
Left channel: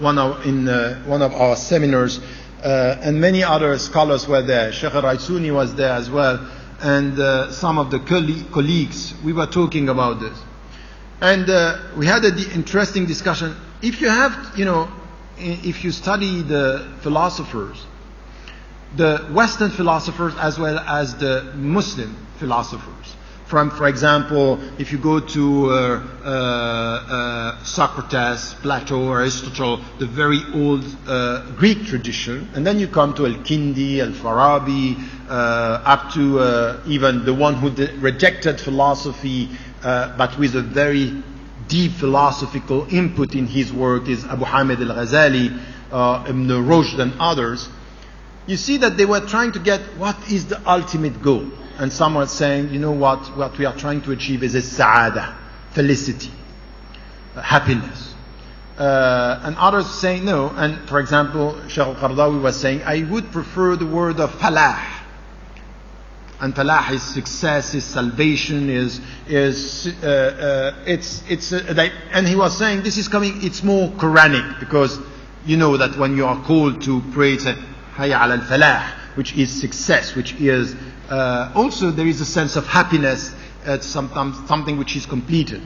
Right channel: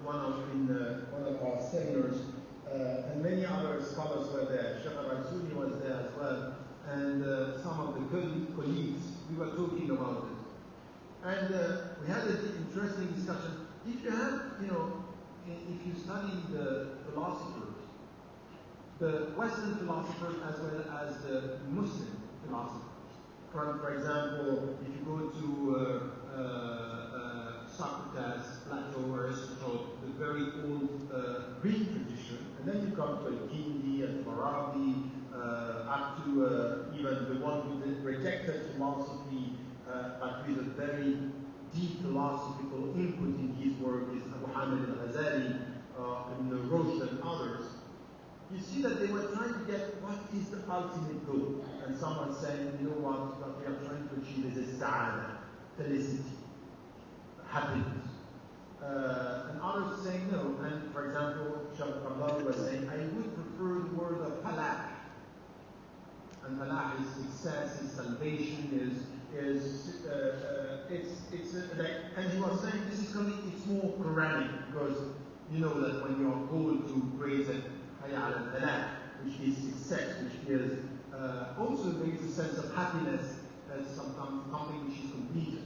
one of our seminars, and many other scholars were there. Sheikh al-Raisuni was there as well, and some of the colleagues. We were talking about this, and we had an interesting discussion. If you have, if you study the philosophers, the Western philosophers as well as the Muslim philosophers, for example, if you go to Socrates, Plato, Aristotle, the very old Greek tradition, and then you come to Al-Kindi, Al-Farabi, up to even the one who rejected philosophy, but with a very deep philosophical input in his work, is Abu Hamid al-Ghazali, Ibn Rushd and others. You see that they were trying to get what is the ultimate goal. And some were saying, what we are trying to achieve is a sa'ada, felicity, happiness. And others saying no. And for example, Shaykh al-Qardawi was saying, I would prefer the word of falah. And falah is success, is salvation, and he was saying this is coming, it's more Quranic, because you know that when you are called to pray, it's hayya ala al-falah, which is success, which is also there is a sense of happiness at something which is completed.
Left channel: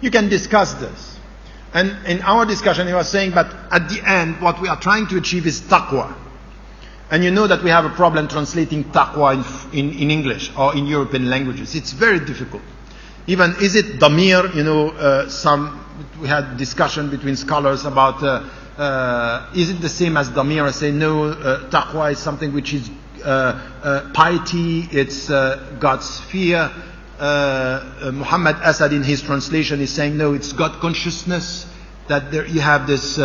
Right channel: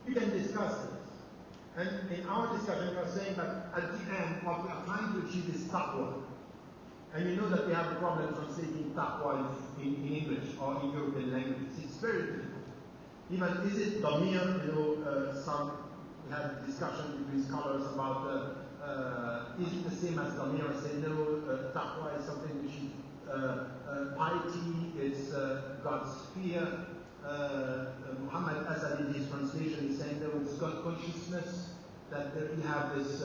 You can discuss this. And in our discussion he was saying, but at the end what we are trying to achieve is taqwa. And you know that we have a problem translating taqwa in English or in European languages. It's very difficult. Even, is it damir? We had discussion between scholars about, is it the same as damir? I say no, taqwa is something which is piety, it's God's fear. Muhammad Asad in his translation is saying no, it's God consciousness, that there you have this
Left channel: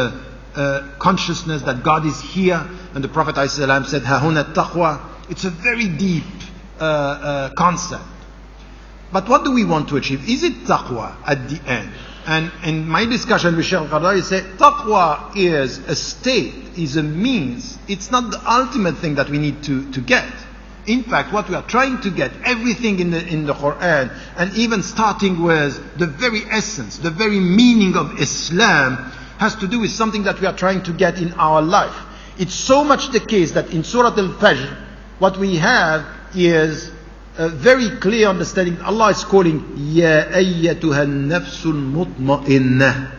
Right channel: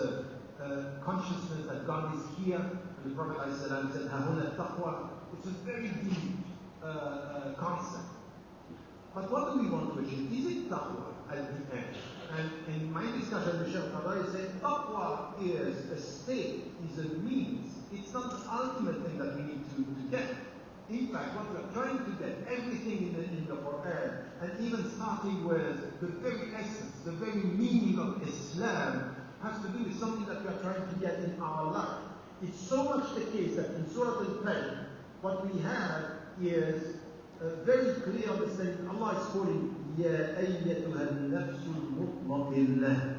consciousness that God is here, and the Prophet ﷺ said, "Hahuna taqwa." It's a very deep concept. But what do we want to achieve? Is it taqwa at the end? And in my discussion with Shaykh al-Qardawi, said taqwa is a state, is a means. It's not the ultimate thing that we need to get. In fact, what we are trying to get, everything in the Quran, and even starting with the very essence, the very meaning of Islam, has to do with something that we are trying to get in our life. It's so much the case that in Surah Al-Fajr, what we have is a very clear understanding. Allah is calling, Ya ayyatuha nafsul mutma'innah,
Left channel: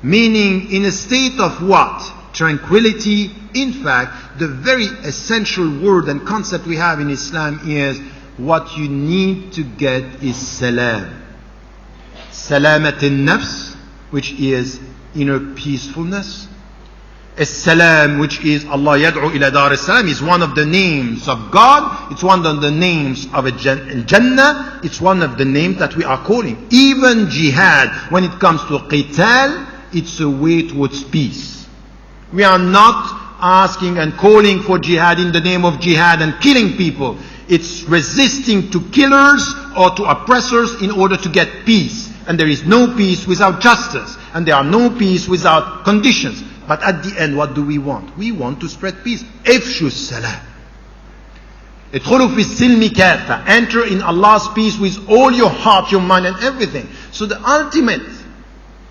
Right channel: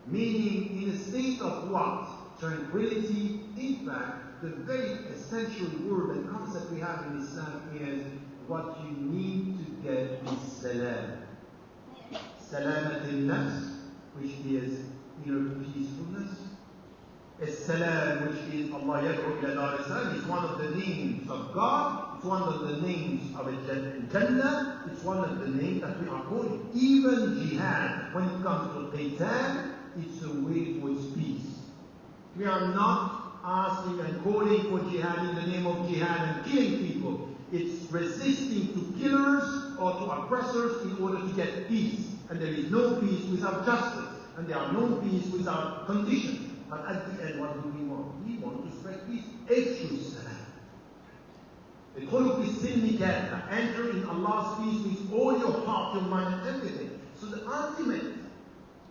meaning in a state of what? Tranquility. In fact, the very essential word and concept we have in Islam is what you need to get is salam. Salamat al-nafs, which is inner peacefulness. As-salam, which is Allah yad'u ila dar as-salam, is one of the names of God. It's one of the names of al-Jannah. It's one of the names that we are calling. Even jihad, when it comes to qital, it's a way towards peace. We are not asking and calling for jihad in the name of jihad and killing people. It's resisting to killers or to oppressors in order to get peace. and there is no peace without justice, and there are no peace without conditions. But at the end, what do we want? We want to spread peace. Ifshu salam. Idkhulu fi silmi kafa. Enter in Allah's peace with all your heart, your mind, and everything. So the ultimate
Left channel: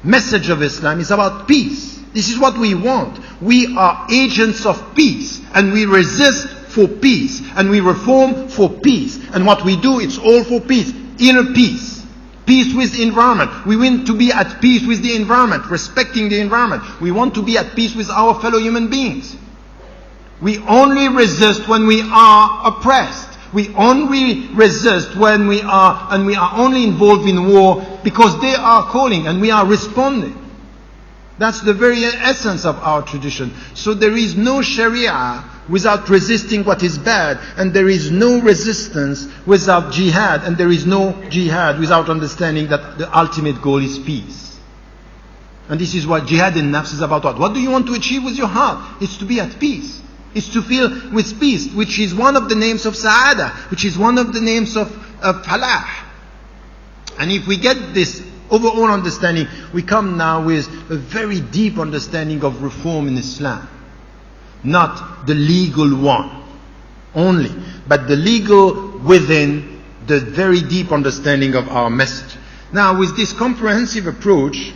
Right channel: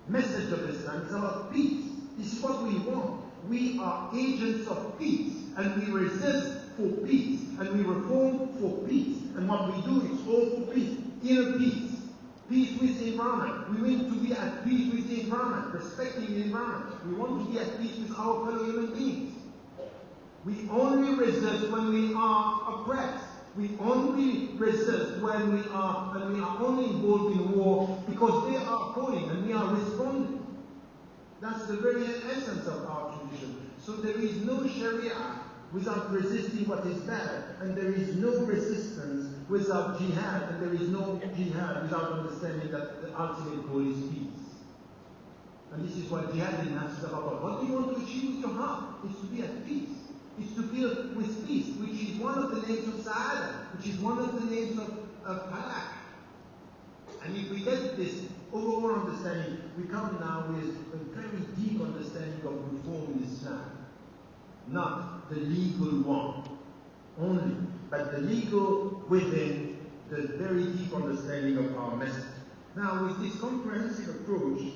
message of Islam is about peace. This is what we want. We are agents of peace, and we resist for peace, and we reform for peace. And what we do, it's all for peace. Inner peace. Peace with the environment. We want to be at peace with the environment, respecting the environment. We want to be at peace with our fellow human beings. We only resist when we are oppressed. We only resist when we are only involved in war because they are calling and we are responding. That's the very essence of our tradition. So there is no Sharia without resisting what is bad, and there is no resistance without jihad, and there is no jihad without understanding that the ultimate goal is peace. And this is what jihad in nafs is about. What do you want to achieve with your heart? It's to be at peace. It's to feel with peace, which is one of the names of Sa'ada, which is one of the names of Falah. And if we get this overall understanding, we come now with a very deep understanding of reform in Islam. Not the legal one only, but the legal within the very deep understanding of our message. Now, with this comprehensive approach,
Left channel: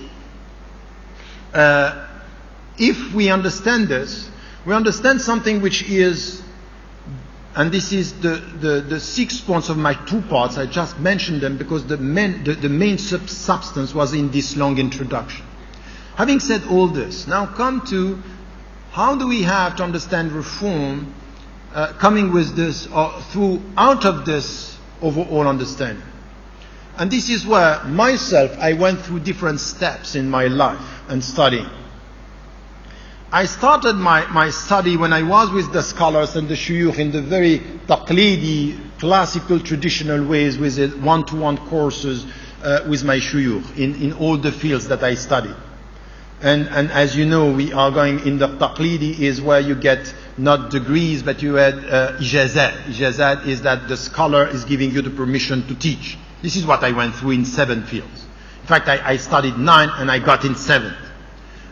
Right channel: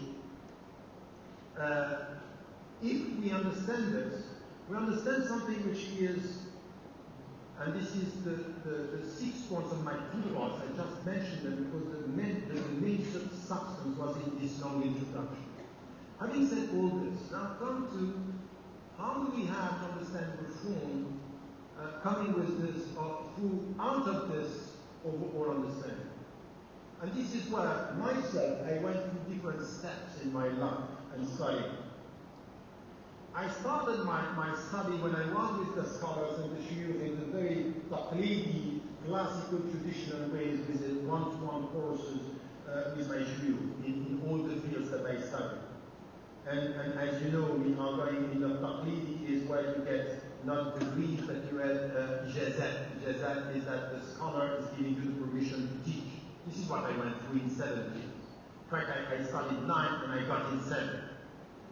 if we understand this, we understand something which is, and this is the 6 points of my 2 parts. I just mentioned them because the main substance was in this long introduction. Having said all this, now come to how do we have to understand reform coming with this or out of this overall understanding. And this is where myself, I went through different steps in my life and studying. I started my study when I was with the scholars and the shuyukh in the very taqlidi, classical, traditional ways with one-to-one courses with my shuyukh in all the fields that I studied. And as you know, we are going in the taqlidi is where you get not degrees, but you had ijazat. Ijazat is that the scholar is giving you the permission to teach. This is what I went through in 7 fields. In fact, I studied 9 and I got in 7th.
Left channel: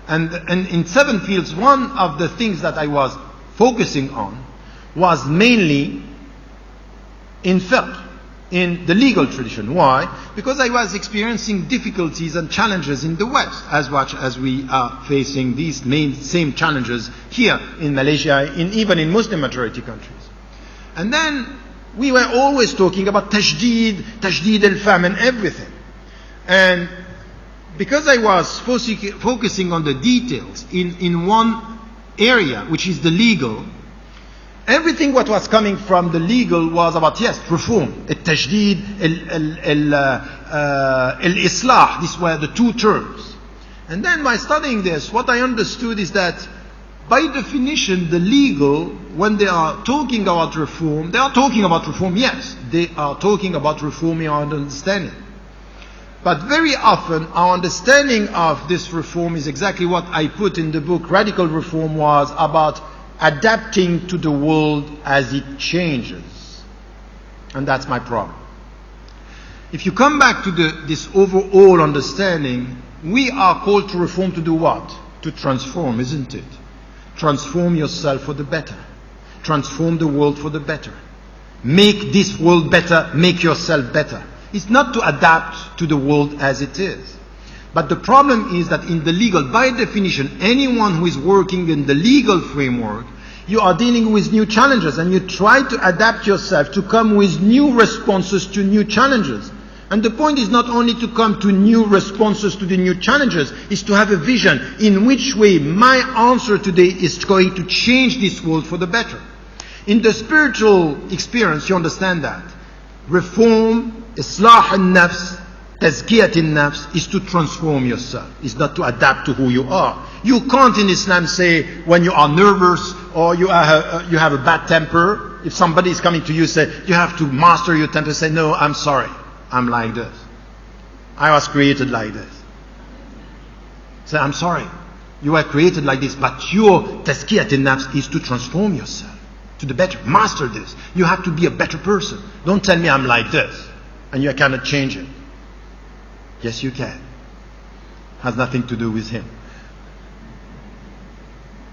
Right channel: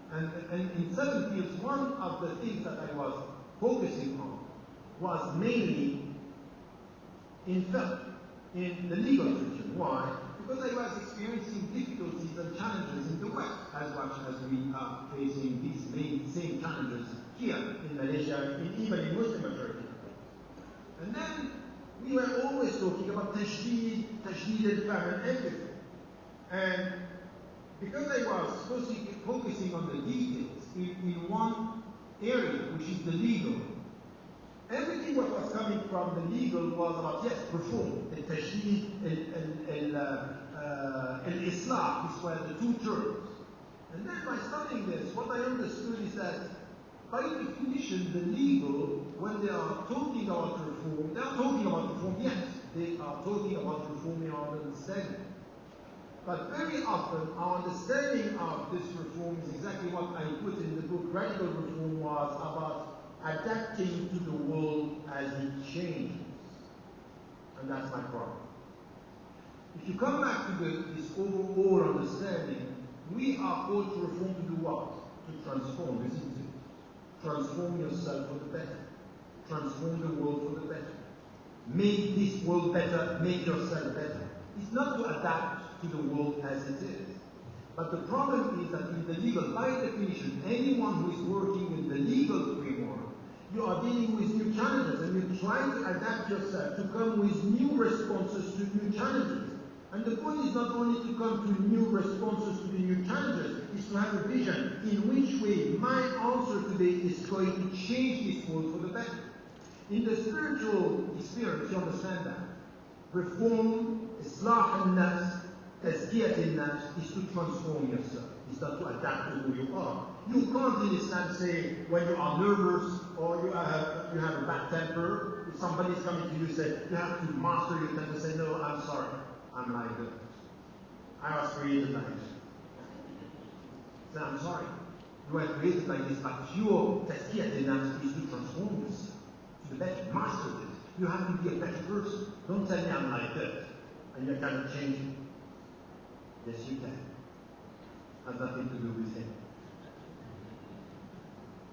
And in 7 fields, one of the things that I was focusing on was mainly in fiqh, in the legal tradition. Why? Because I was experiencing difficulties and challenges in the West, as much as we are facing these same challenges here in Malaysia, even in Muslim majority countries. And then we were always talking about Tajdid al-Fahm and everything. And because I was focusing on the details in one area, which is the legal, everything what was coming from the legal was about, yes, reform, al-Tajdid, al-Islah. These were the 2 terms. And then by studying this, what I understood is that by definition, the legal, when they are talking about reform, they are talking about reform, yes. They are talking about reforming our understanding. But very often, our understanding of this reform is exactly what I put in the book. Radical reform was about adapting to the world as it changes. And that's my problem. If you come back to this overall understanding, we are called to reform to do what? To transform, isn't it? Transform yourself for the better. Transform the world for the better. Make this world better, make yourself better. It's not to adapt to the world as it is. But the problem is that in the legal, by definition, anyone who is working in the legal framework, you are dealing with new challenges and you try to adapt yourself to come with new responses to new challenges. And the point is not only to come to new responses to the new challenges, is to have a vision in which way my answer today is going to change this world for the better. In the spiritual experience, you understand that. Reform, Islah al-Nafs, Tazkiyat al-Nafs is to transform yourself. It's not to adapt to who you are. You can't in Islam say when you are nervous or you have a bad temper, if somebody is coming to you, say you have to master your temper, say no, I'm sorry, I'm like this. I was created like this. Say I'm sorry, you were created like this, but your Tazkiyat al-Nafs is to transform yourself to the better. Master this. You have to be a better person. Don't tell me I'm like this and you cannot change it. Yes, you can. Has nothing to do with him.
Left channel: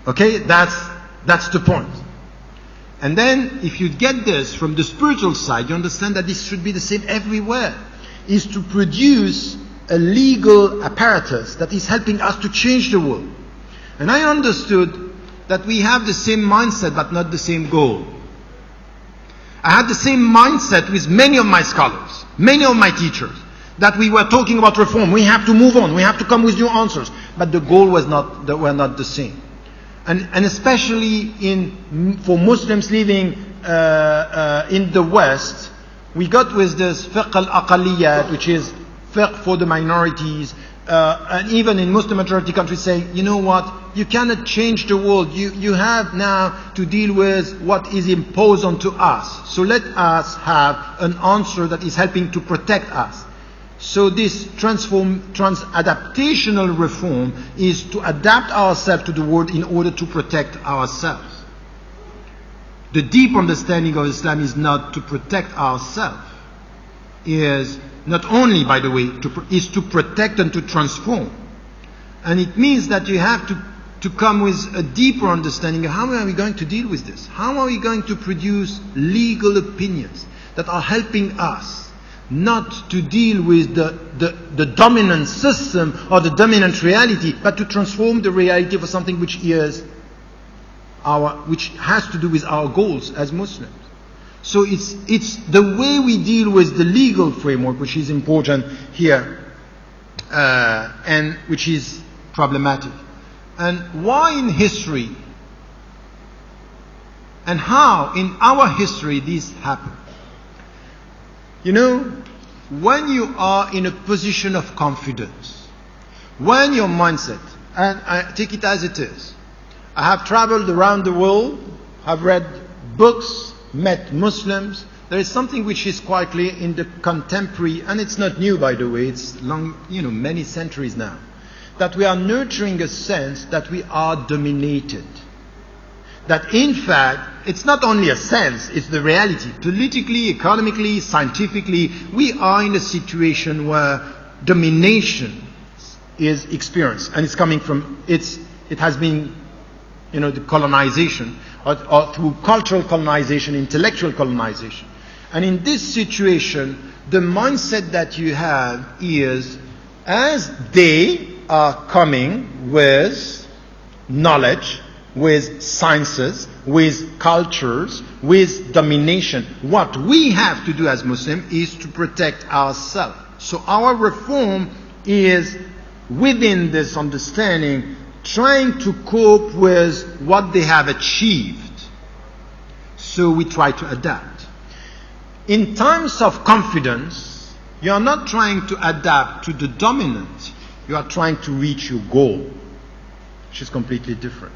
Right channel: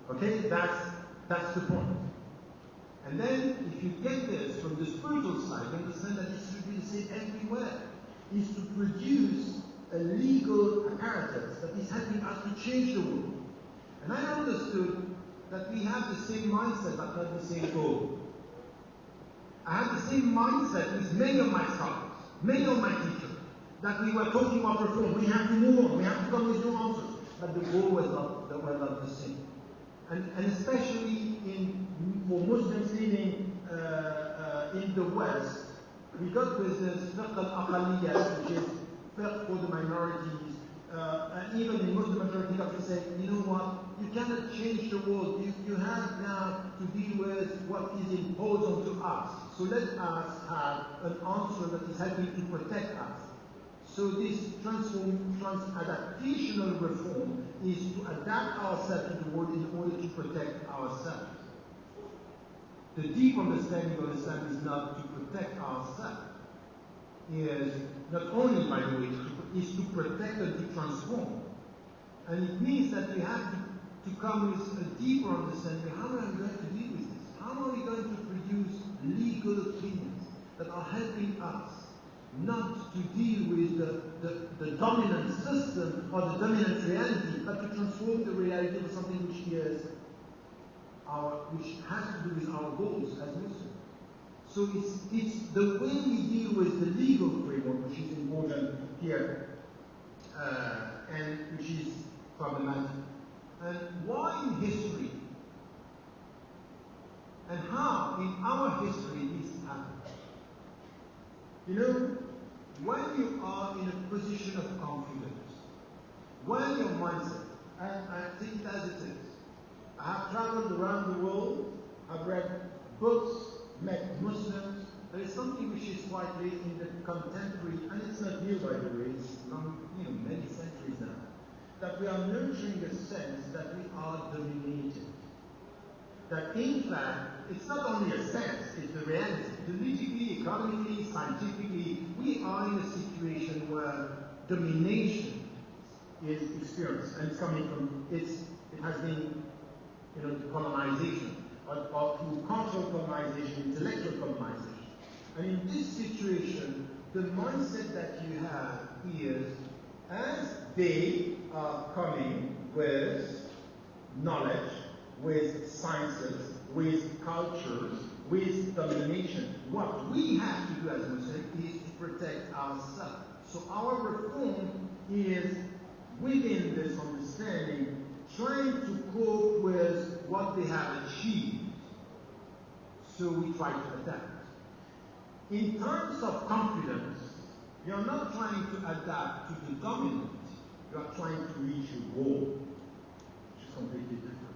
Okay, that's the point. And then, if you get this from the spiritual side, you understand that this should be the same everywhere. Is to produce a legal apparatus that is helping us to change the world. And I understood that we have the same mindset but not the same goal. I had the same mindset with many of my scholars, many of my teachers, that we were talking about reform. We have to move on. We have to come with new answers. But the goal were not the same. And especially for Muslims living in the West, we got with this fiqh al-aqaliyat, which is fiqh for the minorities, and even in Muslim majority countries say, you know what, you cannot change the world. You have now to deal with what is imposed onto us. So let us have an answer that is helping to protect us. So this adaptational reform is to adapt ourselves to the world in order to protect ourselves. The deep understanding of Islam is not to protect ourselves, is not only, by the way, is to protect and to transform. And it means that you have to come with a deeper understanding of how are we going to deal with this? How are we going to produce legal opinions that are helping us not to deal with the dominant system or the dominant reality, but to transform the reality for something which has to do with our goals as Muslims. So it's the way we deal with the legal framework which is important here, and which is problematic. And why in history, and how in our history this happened. You know, when you are in a position of confidence, when your mindset, and I take it as it is, I have traveled around the world, I've read books, met Muslims. There is something which is quite clear in the contemporary, and it's not new by the way, it's long, many centuries now, that we are nurturing a sense that we are dominated. That in fact, it's not only a sense, it's the reality. Politically, economically, scientifically, we are in a situation where domination is experienced. And it's coming from, it has been, the colonization, or through cultural colonization, intellectual colonization. And in this situation, the mindset that you have is, as they are coming with knowledge, with sciences, with cultures, with domination, what we have to do as Muslims is to protect ourselves. So our reform is within this understanding, trying to cope with what they have achieved. So we try to adapt. In times of confidence, you are not trying to adapt to the dominant, you are trying to reach your goal, which is completely different.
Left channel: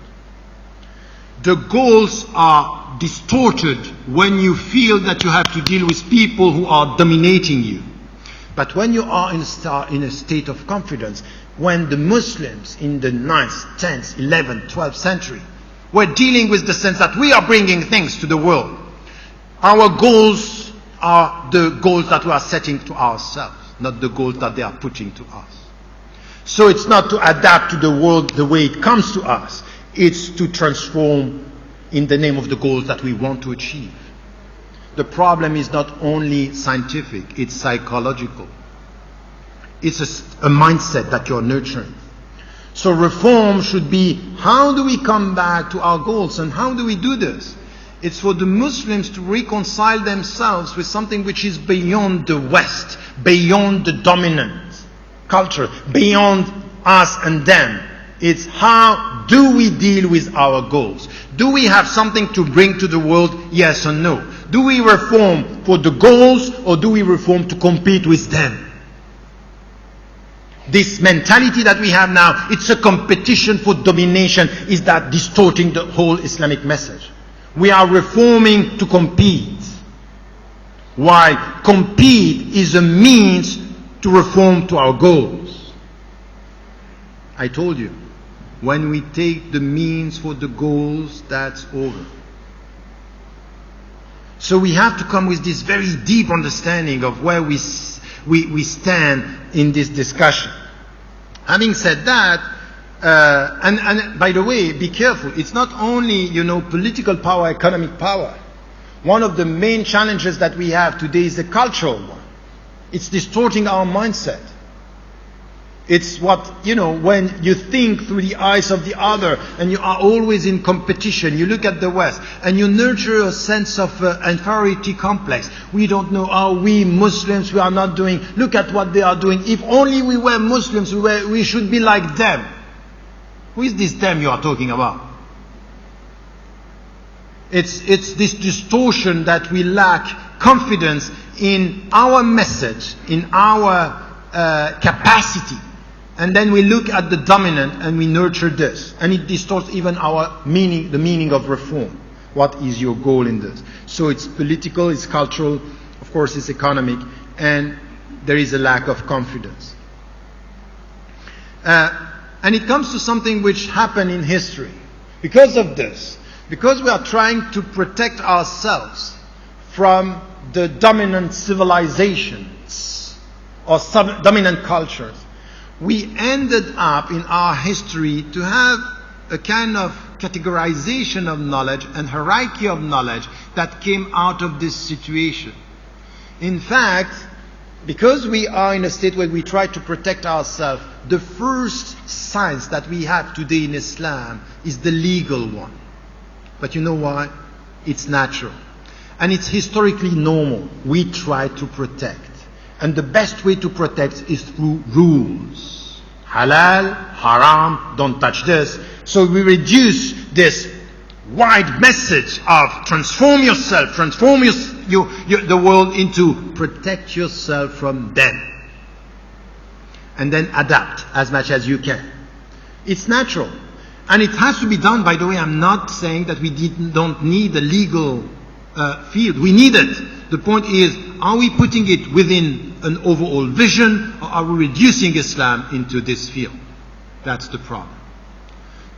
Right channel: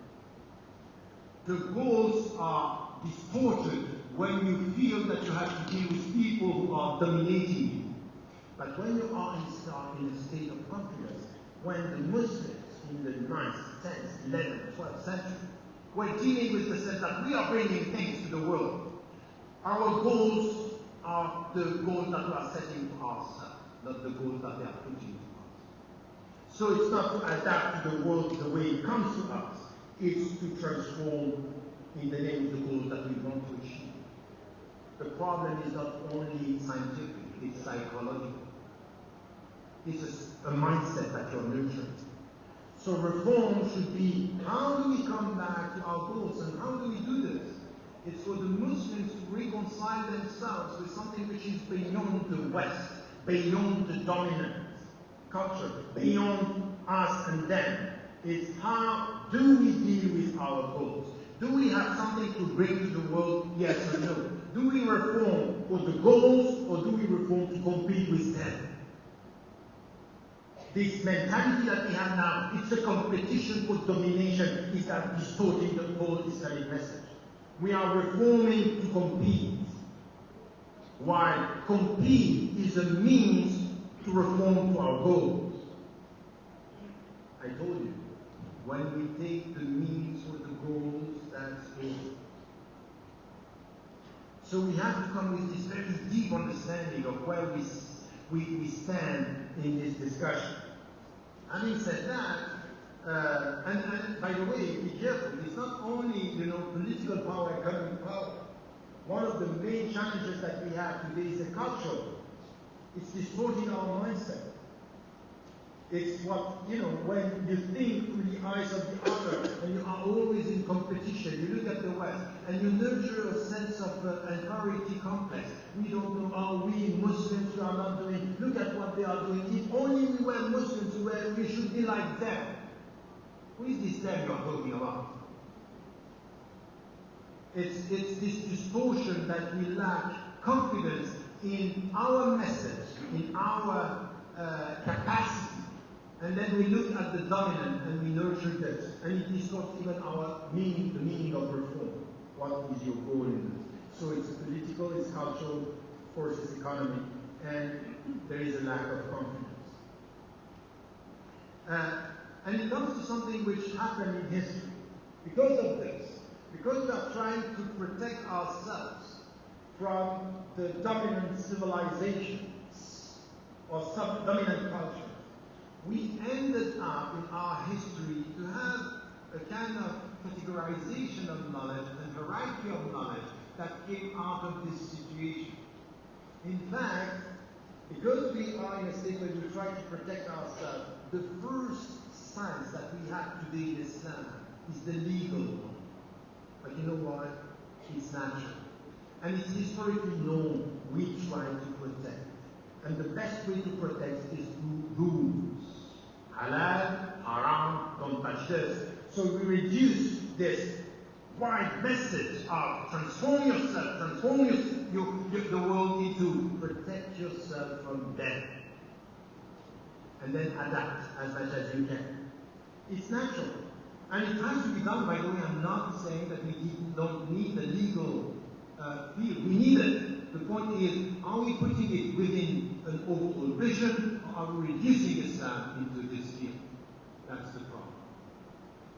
The goals are distorted when you feel that you have to deal with people who are dominating you. But when you are in a state of confidence, when the Muslims in the 9th, 10th, 11th, 12th century were dealing with the sense that we are bringing things to the world, our goals are the goals that we are setting to ourselves, not the goals that they are putting to us. So it's not to adapt to the world the way it comes to us. It's to transform in the name of the goals that we want to achieve. The problem is not only scientific, it's psychological. It's a mindset that you're nurturing. So reform should be, how do we come back to our goals, and how do we do this? It's for the Muslims to reconcile themselves with something which is beyond the West, beyond the dominant culture, beyond us and them. It's how do we deal with our goals? Do we have something to bring to the world? Yes or no? Do we reform for the goals, or do we reform to compete with them? This mentality that we have now, it's a competition for domination. Is that distorting the whole Islamic message? We are reforming to compete, while compete is a means to reform to our goals. I told you, when we take the means for the goals, that's over. So we have to come with this very deep understanding of where we we stand in this discussion. Having said that, and by the way, be careful. It's not only, political power, economic power. One of the main challenges that we have today is the cultural one. It's distorting our mindset. It's what, when you think through the eyes of the other and you are always in competition, you look at the West and you nurture a sense of inferiority complex. We don't know how we Muslims, we are not doing, look at what they are doing. If only we were Muslims, we should be like them. Who is this them you are talking about? It's this distortion that we lack confidence in our message, in our capacity. And then we look at the dominant and we nurture this. And it distorts even our meaning, the meaning of reform. What is your goal in this? So it's political, it's cultural, of course it's economic, and there is a lack of confidence. And it comes to something which happened in history. Because of this, because we are trying to protect ourselves from the dominant civilizations or dominant cultures, we ended up in our history to have a kind of categorization of knowledge and hierarchy of knowledge that came out of this situation. In fact, because we are in a state where we try to protect ourselves, the first science that we have today in Islam is the legal one. But you know why? It's natural. And it's historically normal. We try to protect. And the best way to protect is through rules. Halal, haram, don't touch this. So we reduce this wide message of transform yourself, transform the world into protect yourself from them. And then adapt as much as you can. It's natural. And it has to be done, by the way. I'm not saying that we don't need a legal field. We need it. The point is, are we putting it within an overall vision, or are we reducing Islam into this field? That's the problem.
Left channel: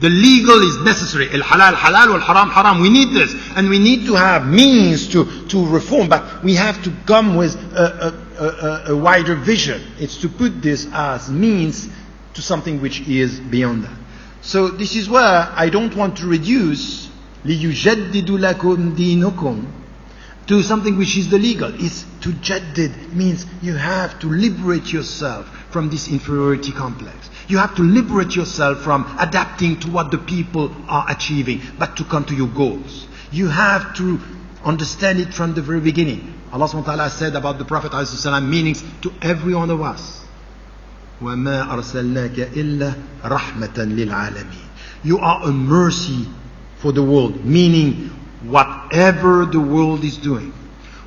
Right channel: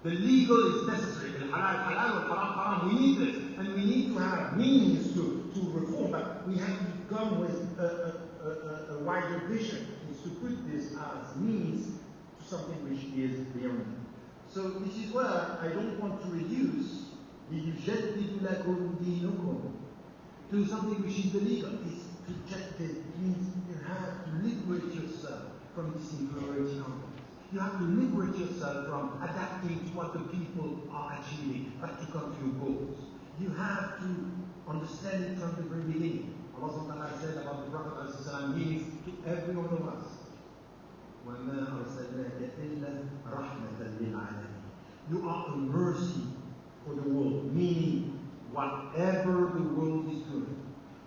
The legal is necessary. Al-halal halal, wal-haram haram. We need this. And we need to have means to reform. But we have to come with a wider vision. It's to put this as means to something which is beyond that. So this is where I don't want to reduce لِيُجَدِّدُ لَكُمْ دِينُكُمْ to something which is the legal. It's to jaddid, means you have to liberate yourself from this inferiority complex. You have to liberate yourself from adapting to what the people are achieving, but to come to your goals. You have to understand it from the very beginning. Allah subhanahu wa ta'ala said about the Prophet ﷺ meanings to every one of us. وَمَا أَرْسَلْنَاكَ إِلَّا رَحْمَةً لِلْعَالَمِينَ. You are a mercy for the world, meaning whatever the world is doing,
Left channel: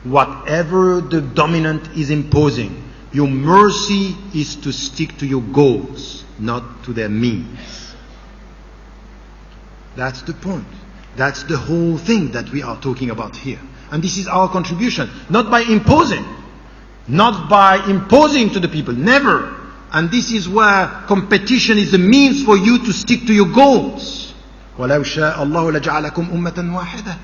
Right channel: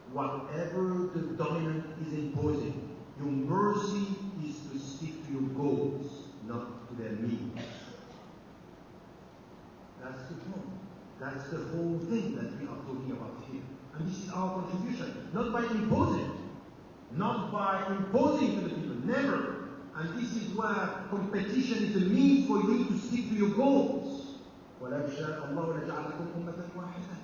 whatever the dominant is imposing, your mercy is to stick to your goals, not to their means. That's the point. That's the whole thing that we are talking about here. And this is our contribution, not by imposing to the people, never. And this is where competition is a means for you to stick to your goals. وَلَوْ شَاءَ اللَّهُ لَجَعَلَكُمْ أُمَّةً وَاحِدَةً.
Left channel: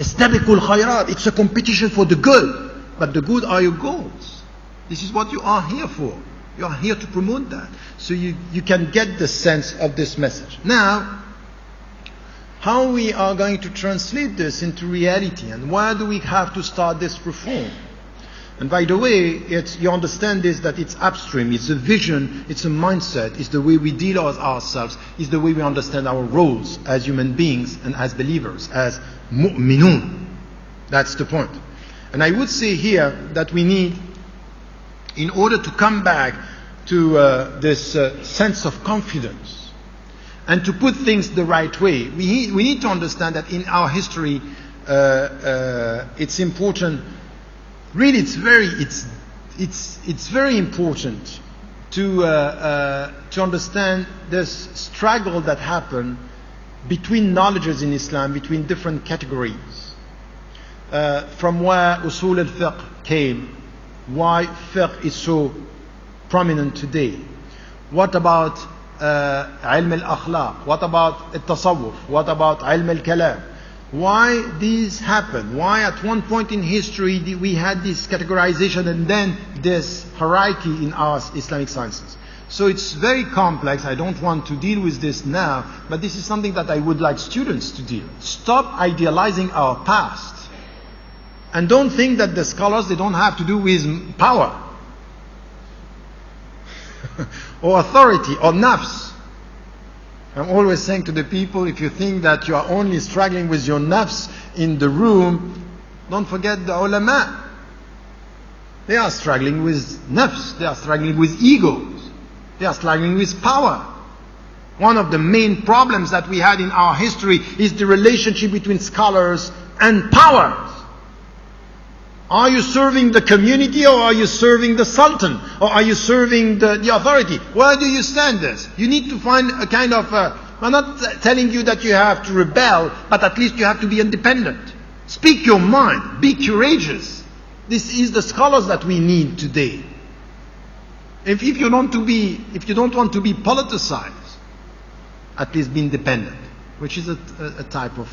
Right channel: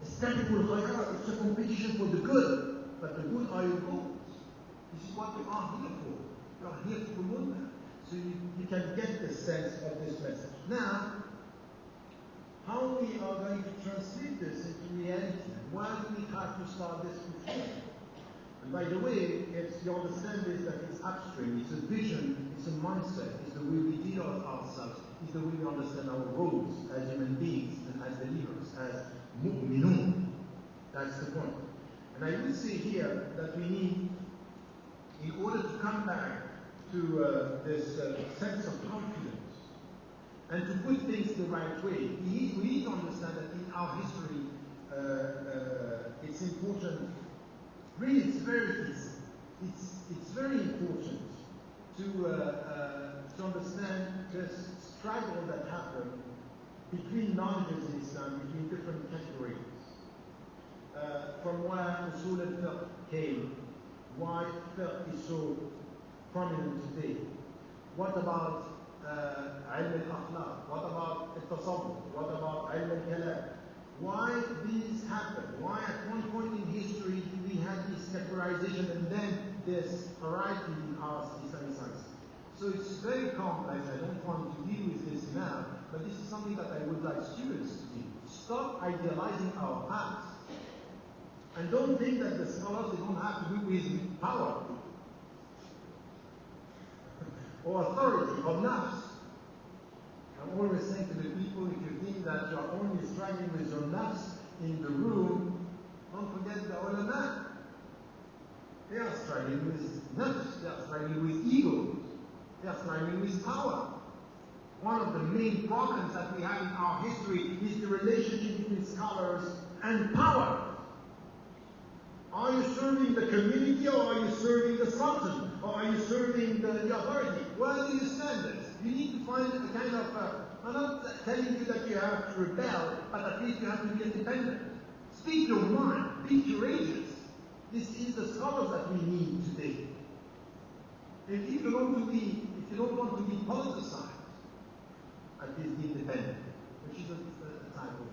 استبقوا الخيرات. It's a competition for the good. But the good are your goals. This is what you are here for. You are here to promote that. So you can get the sense of this message. Now, how we are going to translate this into reality, and why do we have to start this reform? And by the way, you understand this, that it's upstream, it's a vision, it's a mindset, it's the way we deal with ourselves, it's the way we understand our roles as human beings and as believers, as mu'minun. That's the point. And I would say here that we need, in order to come back to this sense of confidence and to put things the right way, we need to understand that in our history, it's important. Really, it's very important to understand this struggle that happened between knowledges in Islam, between different categories. From where usul al-fiqh came, why fiqh is so prominent today. What about ilm al-akhlaq? What about al-tasawwuf? What about ilm al-kalam? why this happened, why at one point in history we had this categorization and then this hierarchy in our Islamic sciences. So it's very complex. I don't want to deal with this now, but this is something that I would like students to deal. Stop idealizing our past. And don't think that the scholars, they don't have to do with power or authority or nafs. I'm always saying to the people, if you think that you are only struggling with your nafs in the room, don't forget the ulama. They are struggling with nafs. They are struggling with egos. They are struggling with power. One of the main problems that we had in our history is the relationship between scholars and powers. Are you serving the community, or are you serving the sultan, or are you serving the authority? Where do you stand this? You need to find a kind of, I'm not telling you that you have to rebel, but at least you have to be independent. Speak your mind, be courageous. This is the scholars that we need today. If you don't want to be politicized, at least be independent, which is a type of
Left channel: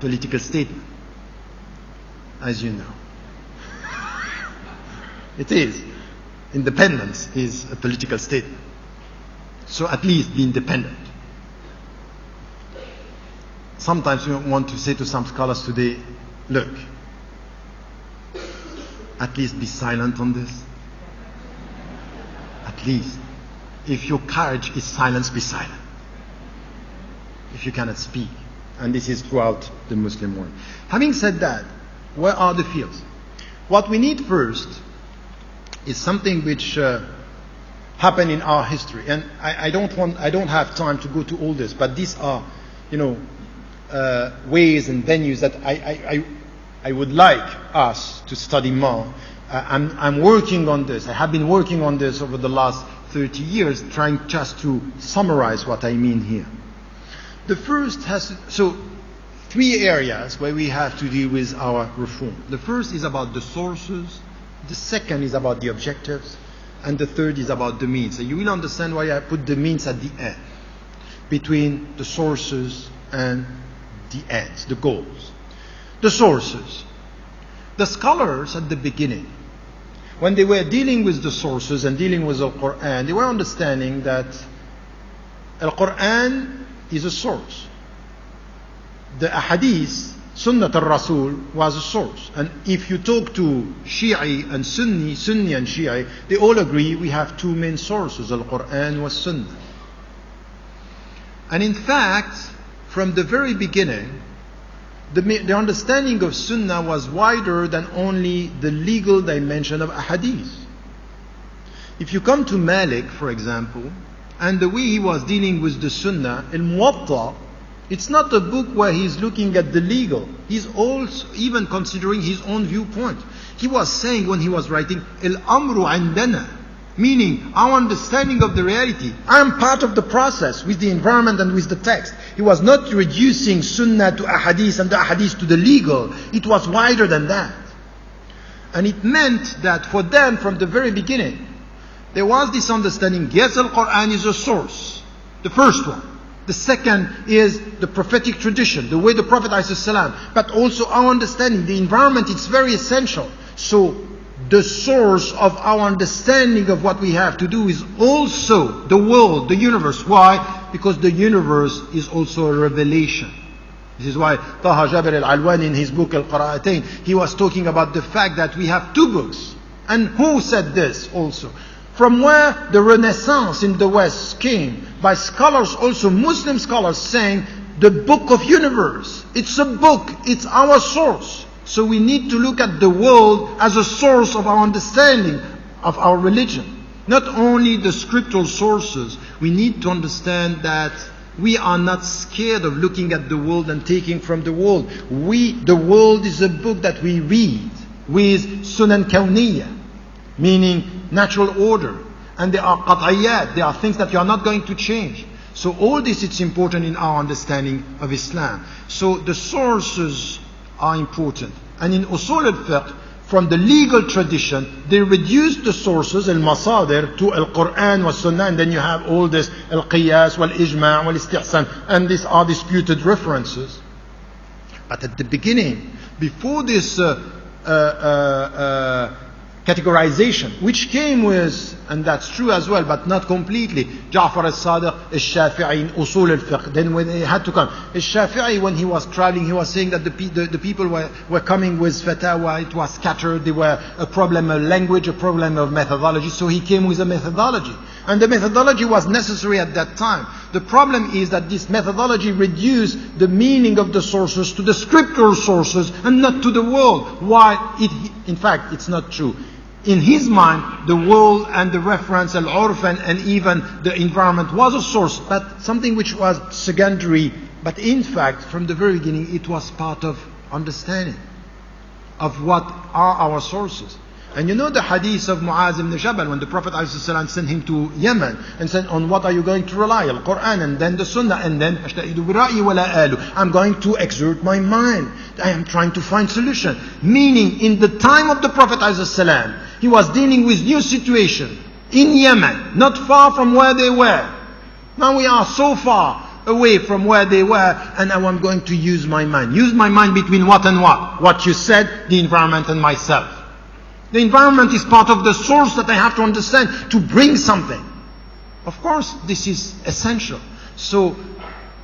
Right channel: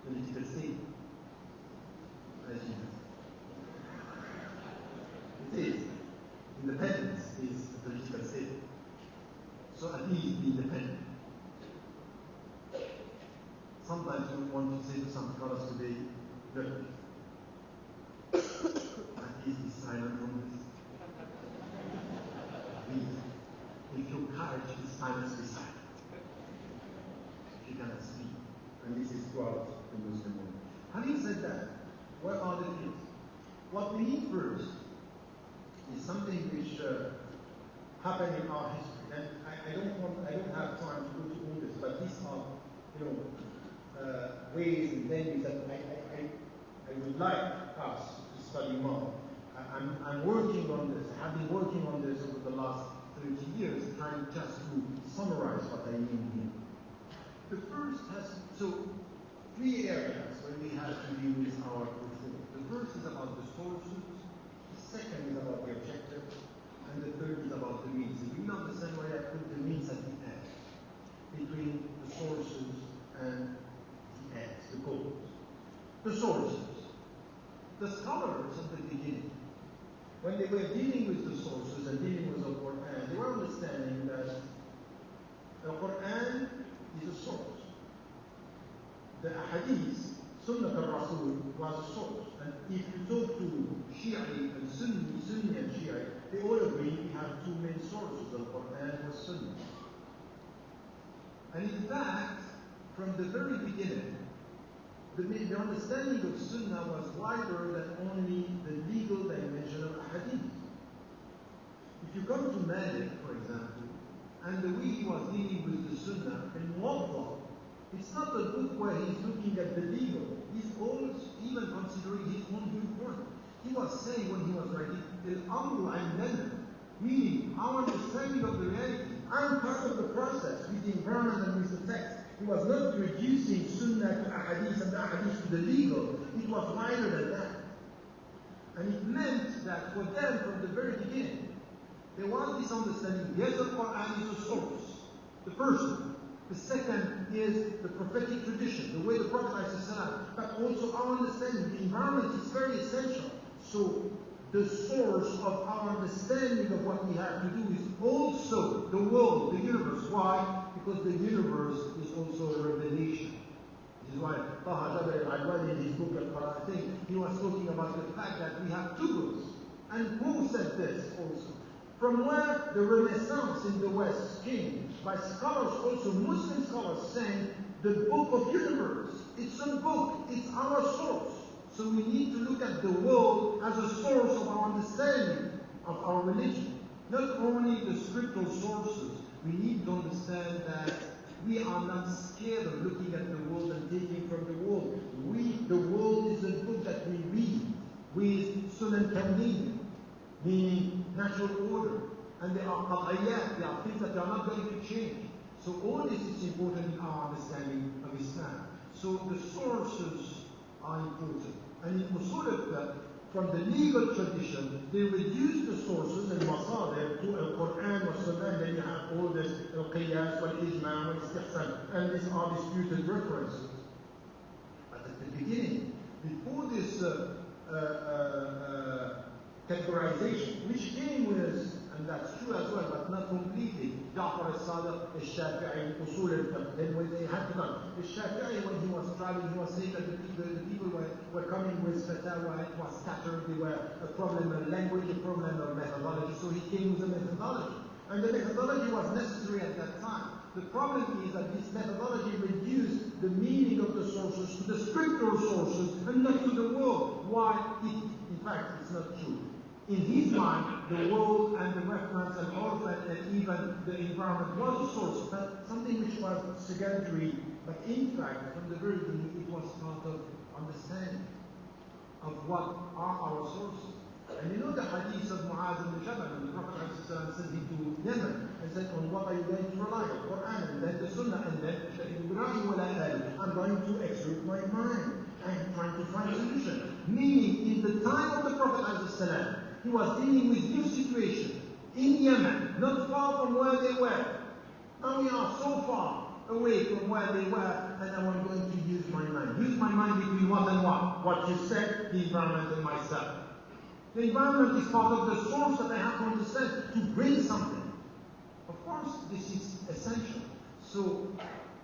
political statement, as you know. It is. Independence is a political statement. So at least be independent. Sometimes we want to say to some scholars today, look, at least be silent on this. At least. If your courage is silence, be silent. If you cannot speak. And this is throughout the Muslim world. Having said that, where are the fields? What we need first is something which happened in our history, and I don't have time to go to all this, but these are, ways and venues that I would like us to study more. I'm working on this. I have been working on this over the last 30 years, trying just to summarize what I mean here. The first three areas where we have to deal with our reform. The first is about the sources, the second is about the objectives, and the third is about the means. So you will understand why I put the means at the end, between the sources and the ends, the goals. The sources. The scholars at the beginning, when they were dealing with the sources and dealing with the Quran, they were understanding that al-Quran is a source. The ahadith, Sunnah al-Rasul, was a source. And if you talk to Shi'i and Sunni and Shi'i, they all agree we have two main sources, al-Quran was Sunnah. And in fact, from the very beginning, the understanding of Sunnah was wider than only the legal dimension of ahadith. If you come to Malik, for example, and the way he was dealing with the Sunnah, al-Muwatta, it's not a book where he's looking at the legal. He's also even considering his own viewpoint. He was saying when he was writing, al-amru andana, meaning our understanding of the reality. I am part of the process with the environment and with the text. He was not reducing Sunnah to ahadith and the ahadith to the legal. It was wider than that. And it meant that for them, from the very beginning, there was this understanding, yes, al-Quran is a source, the first one. The second is the prophetic tradition, the way the Prophet ﷺ, but also our understanding, the environment, it's very essential. So the source of our understanding of what we have to do is also the world, the universe. Why? Because the universe is also a revelation. This is why Taha Jabir al-Alwani in his book Al-Qura'atayn, he was talking about the fact that we have two books. And who said this also? From where the Renaissance in the West came, by scholars, also Muslim scholars, saying the book of universe. It's a book, it's our source. So we need to look at the world as a source of our understanding of our religion. Not only the scriptural sources, we need to understand that we are not scared of looking at the world and taking from the world. The world is a book that we read with sunan kawniyya, meaning natural order. And there are qat'iyat, there are things that you are not going to change. So all this is important in our understanding of Islam. So the sources are important. And in usul al-fiqh, from the legal tradition, they reduce the sources, al-masadir, to al-Quran wa sunnah, and then you have all this al-qiyas, wal-ijma' wal-istihsan, and these are disputed references. But at the beginning, before this categorization, which came with, and that's true as well, but not completely, Ja'far al-Sadiq, al-Shafi'i, in Usul al-Fiqh. Then when they had to come, al-Shafi'i, when he was traveling, he was saying that the people were coming with fatwa, it was scattered, there were a problem of language, a problem of methodology, so he came with a methodology. And the methodology was necessary at that time. The problem is that this methodology reduced the meaning of the sources to the scriptural sources and not to the world. Why? In fact, it's not true. In his mind, the world and the reference, al-urf, and even the environment was a source, but something which was secondary. But in fact, from the very beginning, it was part of understanding of what are our sources. And you know the hadith of Muaz ibn Jabal, when the Prophet ﷺ sent him to Yemen and said, on what are you going to rely? Al-Quran, and then the Sunnah, and then I'm going to exert my mind. I am trying to find solution. Meaning, in the time of the Prophet ﷺ, he was dealing with new situation in Yemen, not far from where they were. Now we are so far away from where they were, and now I'm going to use my mind. Use my mind between what and what? What you said, the environment, and myself. The environment is part of the source that I have to understand to bring something. Of course, this is essential. So,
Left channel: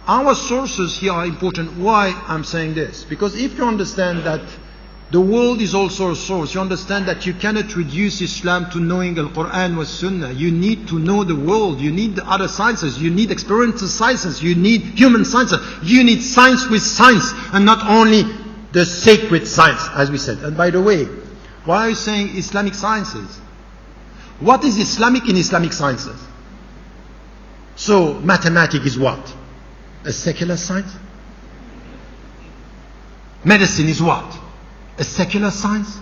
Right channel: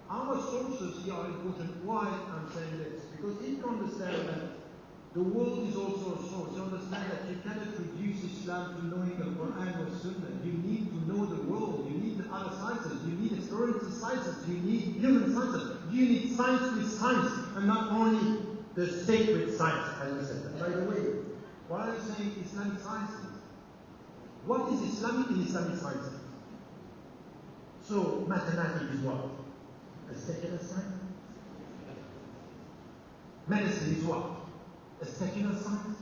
our sources here are important. Why I'm saying this? Because if you understand that the world is also a source, you understand that you cannot reduce Islam to knowing Al-Quran wa Sunnah. You need to know the world. You need the other sciences. You need experiential sciences. You need human sciences. You need science with science, and not only the sacred science, as we said. And by the way, why are you saying Islamic sciences? What is Islamic in Islamic sciences? So, mathematics is what? A secular science? Medicine is what? A secular science?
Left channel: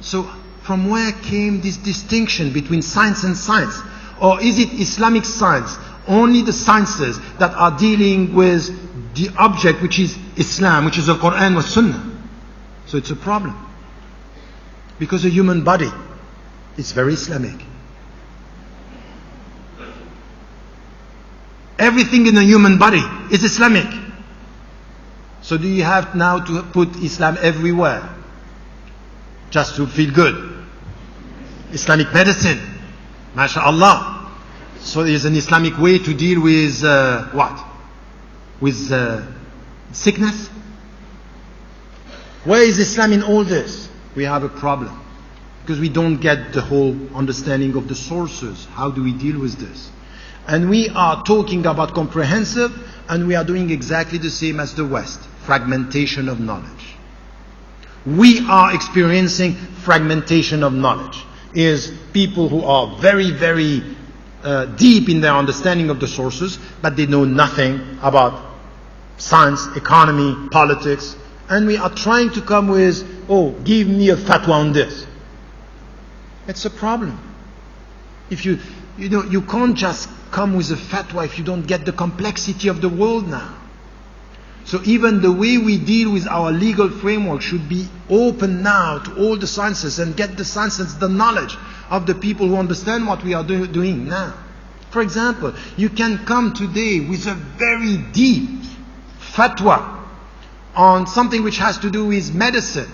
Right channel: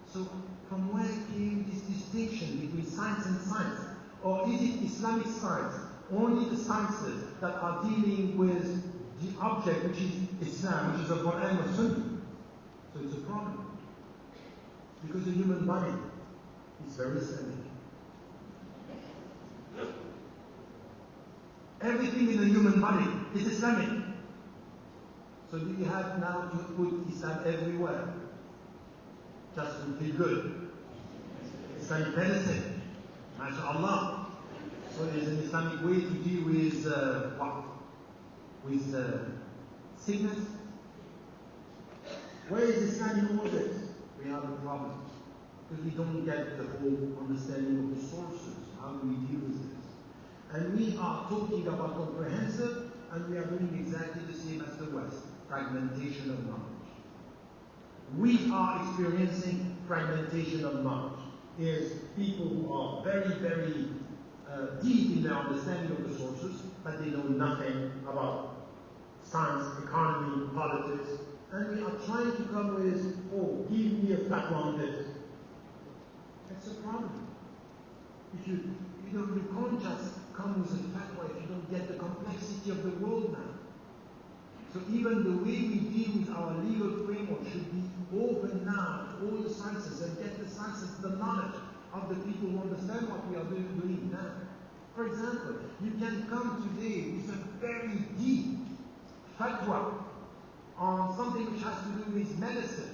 So, from where came this distinction between science and science? Or is it Islamic science? Only the sciences that are dealing with the object which is Islam, which is the Quran wa Sunnah. So it's a problem. Because the human body is very Islamic. Everything in the human body is Islamic. So do you have now to put Islam everywhere? Just to feel good? Islamic medicine, mashallah. So there's an Islamic way to deal with what? With sickness? Where is Islam in all this? We have a problem. Because we don't get the whole understanding of the sources. How do we deal with this? And we are talking about comprehensive, and we are doing exactly the same as the West. Fragmentation of knowledge. We are experiencing fragmentation of knowledge. Is people who are very, very deep in their understanding of the sources, but they know nothing about science, economy, politics. And we are trying to come with, oh, give me a fatwa on this. It's a problem. If you can't just come with a fatwa if you don't get the complexity of the world now. So even the way we deal with our legal framework should be open now to all the sciences, and get the sciences, the knowledge of the people who understand what we are doing now. For example, you can come today with a very deep fatwa on something which has to do with medicine.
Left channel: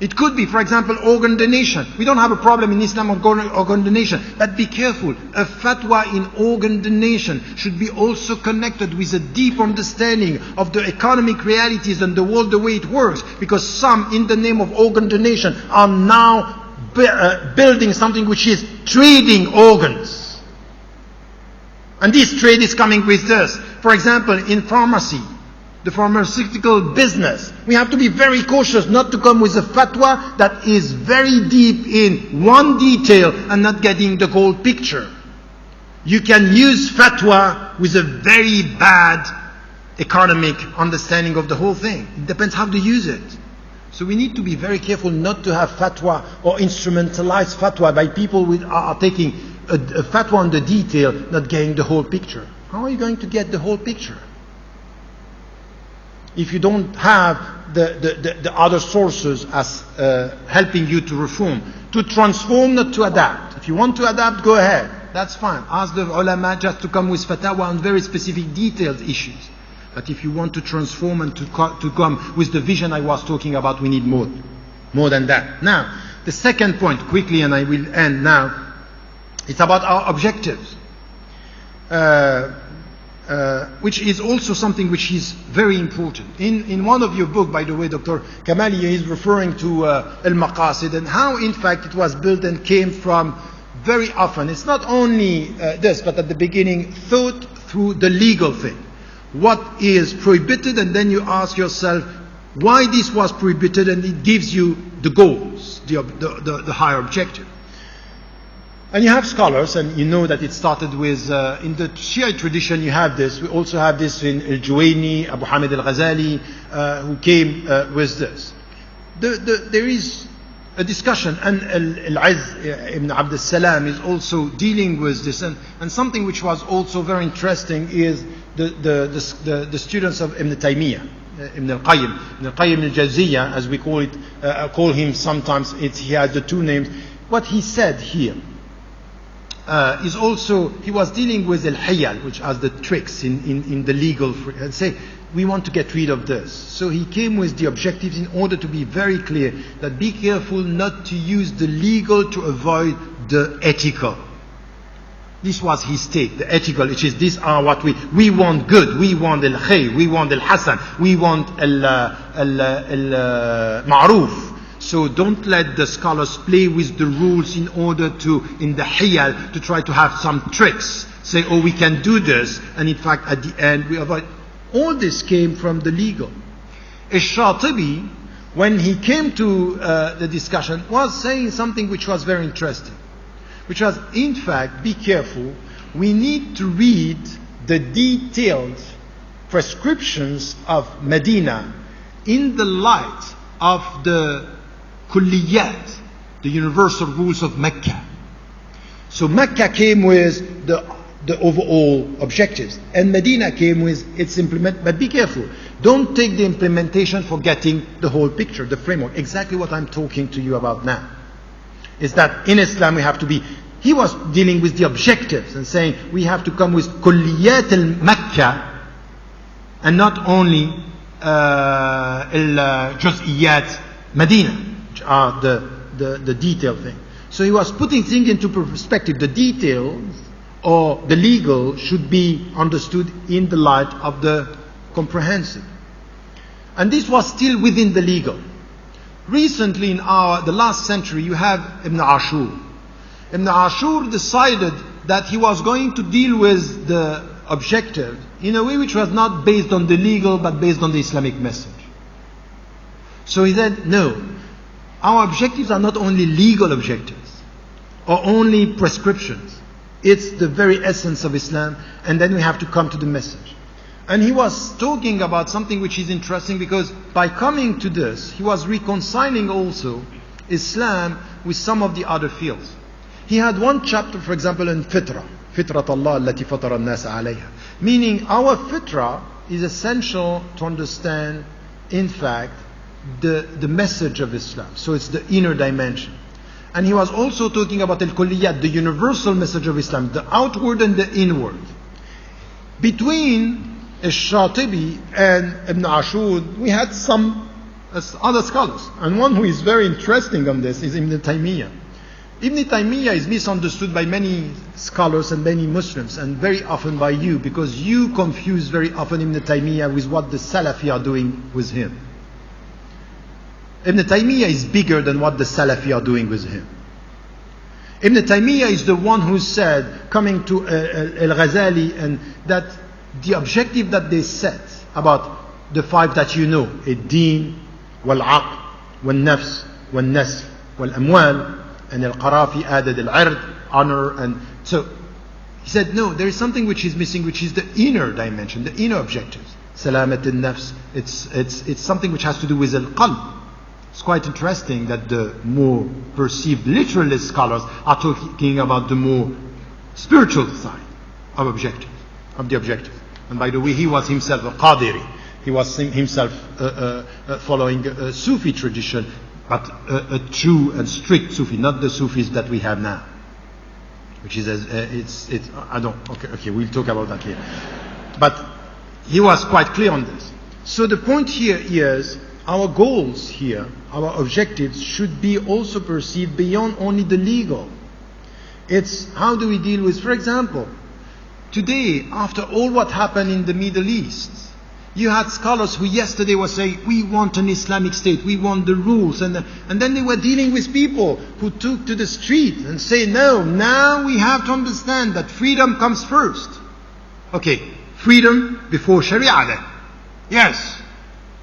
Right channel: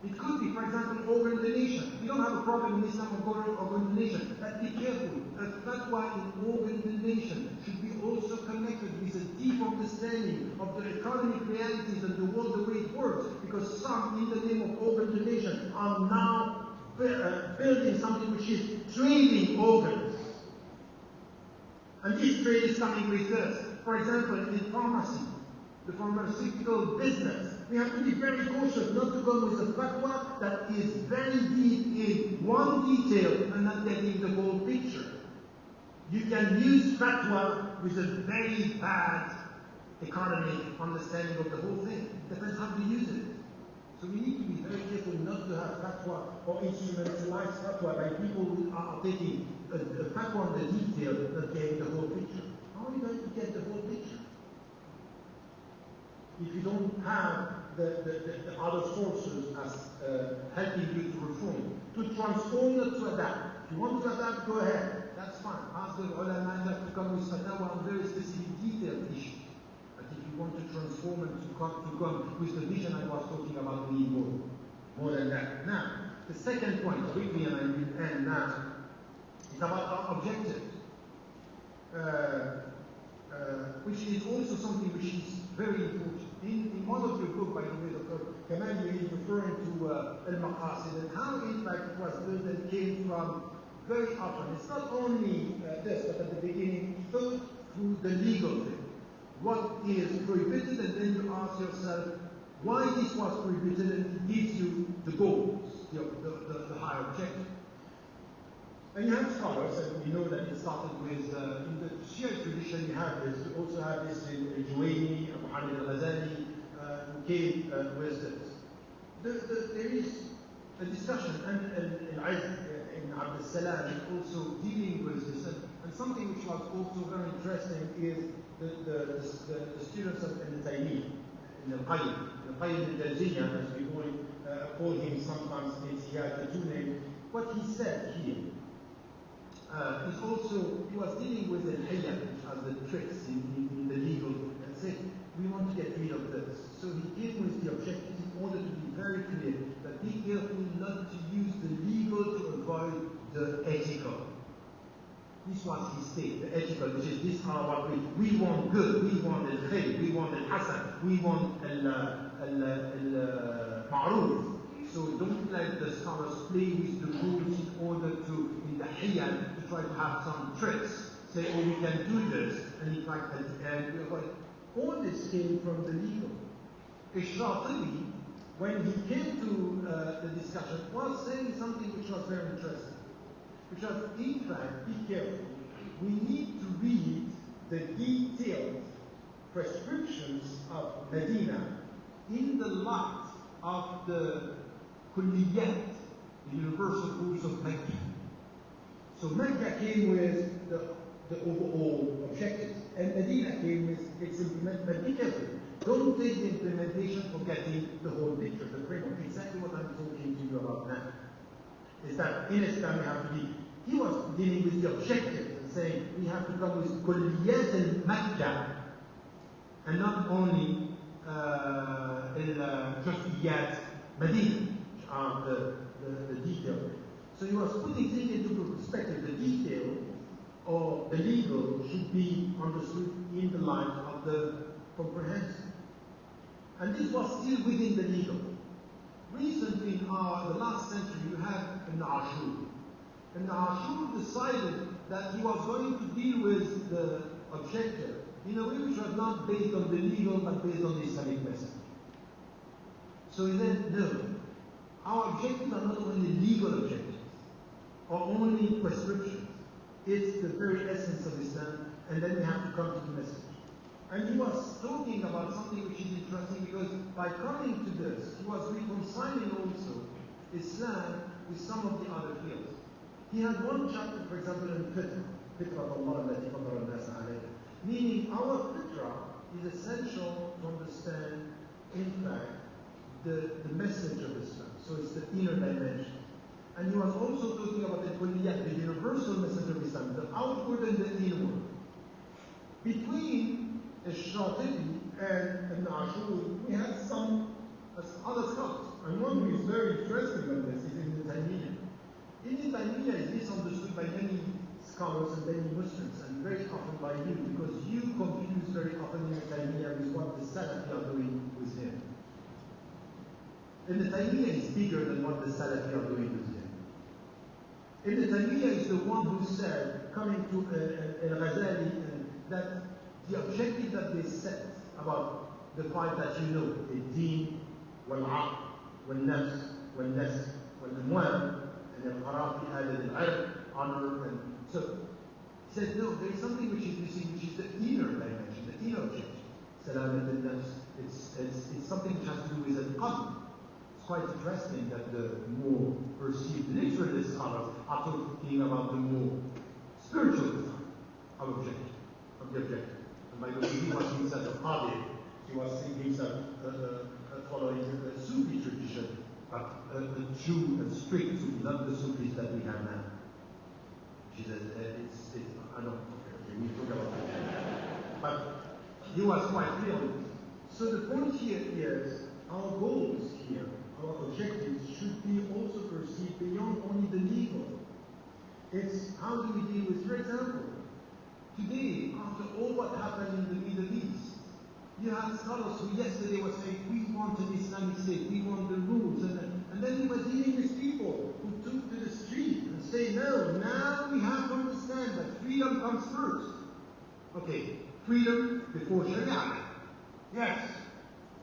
It could be, for example, organ donation. We don't have a problem in Islam of organ donation. But be careful, a fatwa in organ donation should be also connected with a deep understanding of the economic realities and the world, the way it works. Because some, in the name of organ donation, are now building something which is trading organs. And this trade is coming with this. For example, in pharmacy, the pharmaceutical business, we have to be very cautious not to come with a fatwa that is very deep in one detail and not getting the whole picture. You can use fatwa with a very bad economic understanding of the whole thing. It depends how to use it. So we need to be very careful not to have fatwa or instrumentalize fatwa by people who are taking a fatwa on the detail, not getting the whole picture. How are you going to get the whole picture if you don't have the other sources as helping you to reform, to transform, not to adapt? If you want to adapt, go ahead. That's fine. Ask the ulama just to come with fatwa on very specific detailed issues. That if you want to transform and to come with the vision I was talking about, we need more than that. Now, the second point, quickly, and I will end now, it's about our objectives, which is also something which is very important. In one of your books, by the way, Dr. Kamali is referring to al-Maqasid and how, in fact, it was built and came from very often. It's not only this, but at the beginning, thought through the legal thing. What is prohibited, and then you ask yourself why this was prohibited, and it gives you the goals, the higher objective. And you have scholars, and you know that it started with, in the Shia tradition you have this. We also have this in al-Juwayni, Abu Hamid al-Ghazali, who came with this. There is a discussion, and al-Izz ibn Abd salam is also dealing with this, and something which was also very interesting is the students of Ibn Taymiyyah, Ibn al-Qayyim al-Jawziyya, as we call him sometimes. He has the two names. What he said here is also, he was dealing with al-hiyal, which are the tricks in the legal, and say, we want to get rid of this. So he came with the objectives in order to be very clear that be careful not to use the legal to avoid the ethical. This was his take, the ethical, which is these are what we want good, we want al-khayr, we want al-hasan, we want al-ma'ruf. So don't let the scholars play with the rules in order to, in the hiyal, to try to have some tricks. Say, oh, we can do this, and in fact at the end we avoid. All this came from the legal. Ash-Shatibi, when he came to the discussion, was saying something which was very interesting. Which was, in fact, be careful, we need to read the detailed prescriptions of Medina in the light of the kulliyat, the universal rules of Mecca. So Mecca came with the overall objectives, and Medina came with its implement. But be careful, don't take the implementation forgetting the whole picture, the framework. Exactly what I'm talking to you about now is that in Islam we have to be. He was dealing with the objectives and saying we have to come with kulliyat al-Mecca and not only al-juz'iyat Medina, which are the detailed thing. So he was putting things into perspective. The details or the legal should be understood in the light of the comprehensive. And this was still within the legal. Recently in the last century you have Ibn Ashur. Ibn Ashur decided that he was going to deal with the objective in a way which was not based on the legal but based on the Islamic message. So he said, no, our objectives are not only legal objectives or only prescriptions. It's the very essence of Islam, and then we have to come to the message. And he was talking about something which is interesting, because by coming to this, he was reconciling also Islam with some of the other fields. He had one chapter, for example, in Fitrat Allah allati fatara an-nas alayha, meaning our fitra is essential to understand, in fact, the message of Islam. So it's the inner dimension. And he was also talking about al-kulliyat, the universal message of Islam, the outward and the inward. Between Ash-Shatibi and Ibn Ashur, we had some other scholars. And one who is very interesting on this is Ibn Taymiyyah. Ibn Taymiyyah is misunderstood by many scholars and many Muslims, and very often by you, because you confuse very often Ibn Taymiyyah with what the Salafi are doing with him. Ibn Taymiyyah is bigger than what the Salafi are doing with him. Ibn Taymiyyah is the one who said, coming to al-Ghazali, and that the objective that they set about the five that you know, ad-din, wal-aql, wal-nafs, wal-nasl, wal-amwal, and al-Qarafi added al-ird, honor, and so he said, no, there is something which is missing, which is the inner dimension, the inner objectives. Salamat al-nafs, it's something which has to do with al-qalb. It's quite interesting that the more perceived literalist scholars are talking about the more spiritual side of the objective. And by the way, he was himself a Qadiri. He was himself following a Sufi tradition, but a true and strict Sufi, not the Sufis that we have now. Which is, I don't, okay, we'll talk about that later. But he was quite clear on this. So the point here is, our goals here, our objectives should be also perceived beyond only the legal. It's how do we deal with, for example, today, after all what happened in the Middle East, you had scholars who yesterday were saying, we want an Islamic state, we want the rules, and then they were dealing with people who took to the street and say, no, now we have to understand that freedom comes first. Okay, freedom before Sharia then. Yes.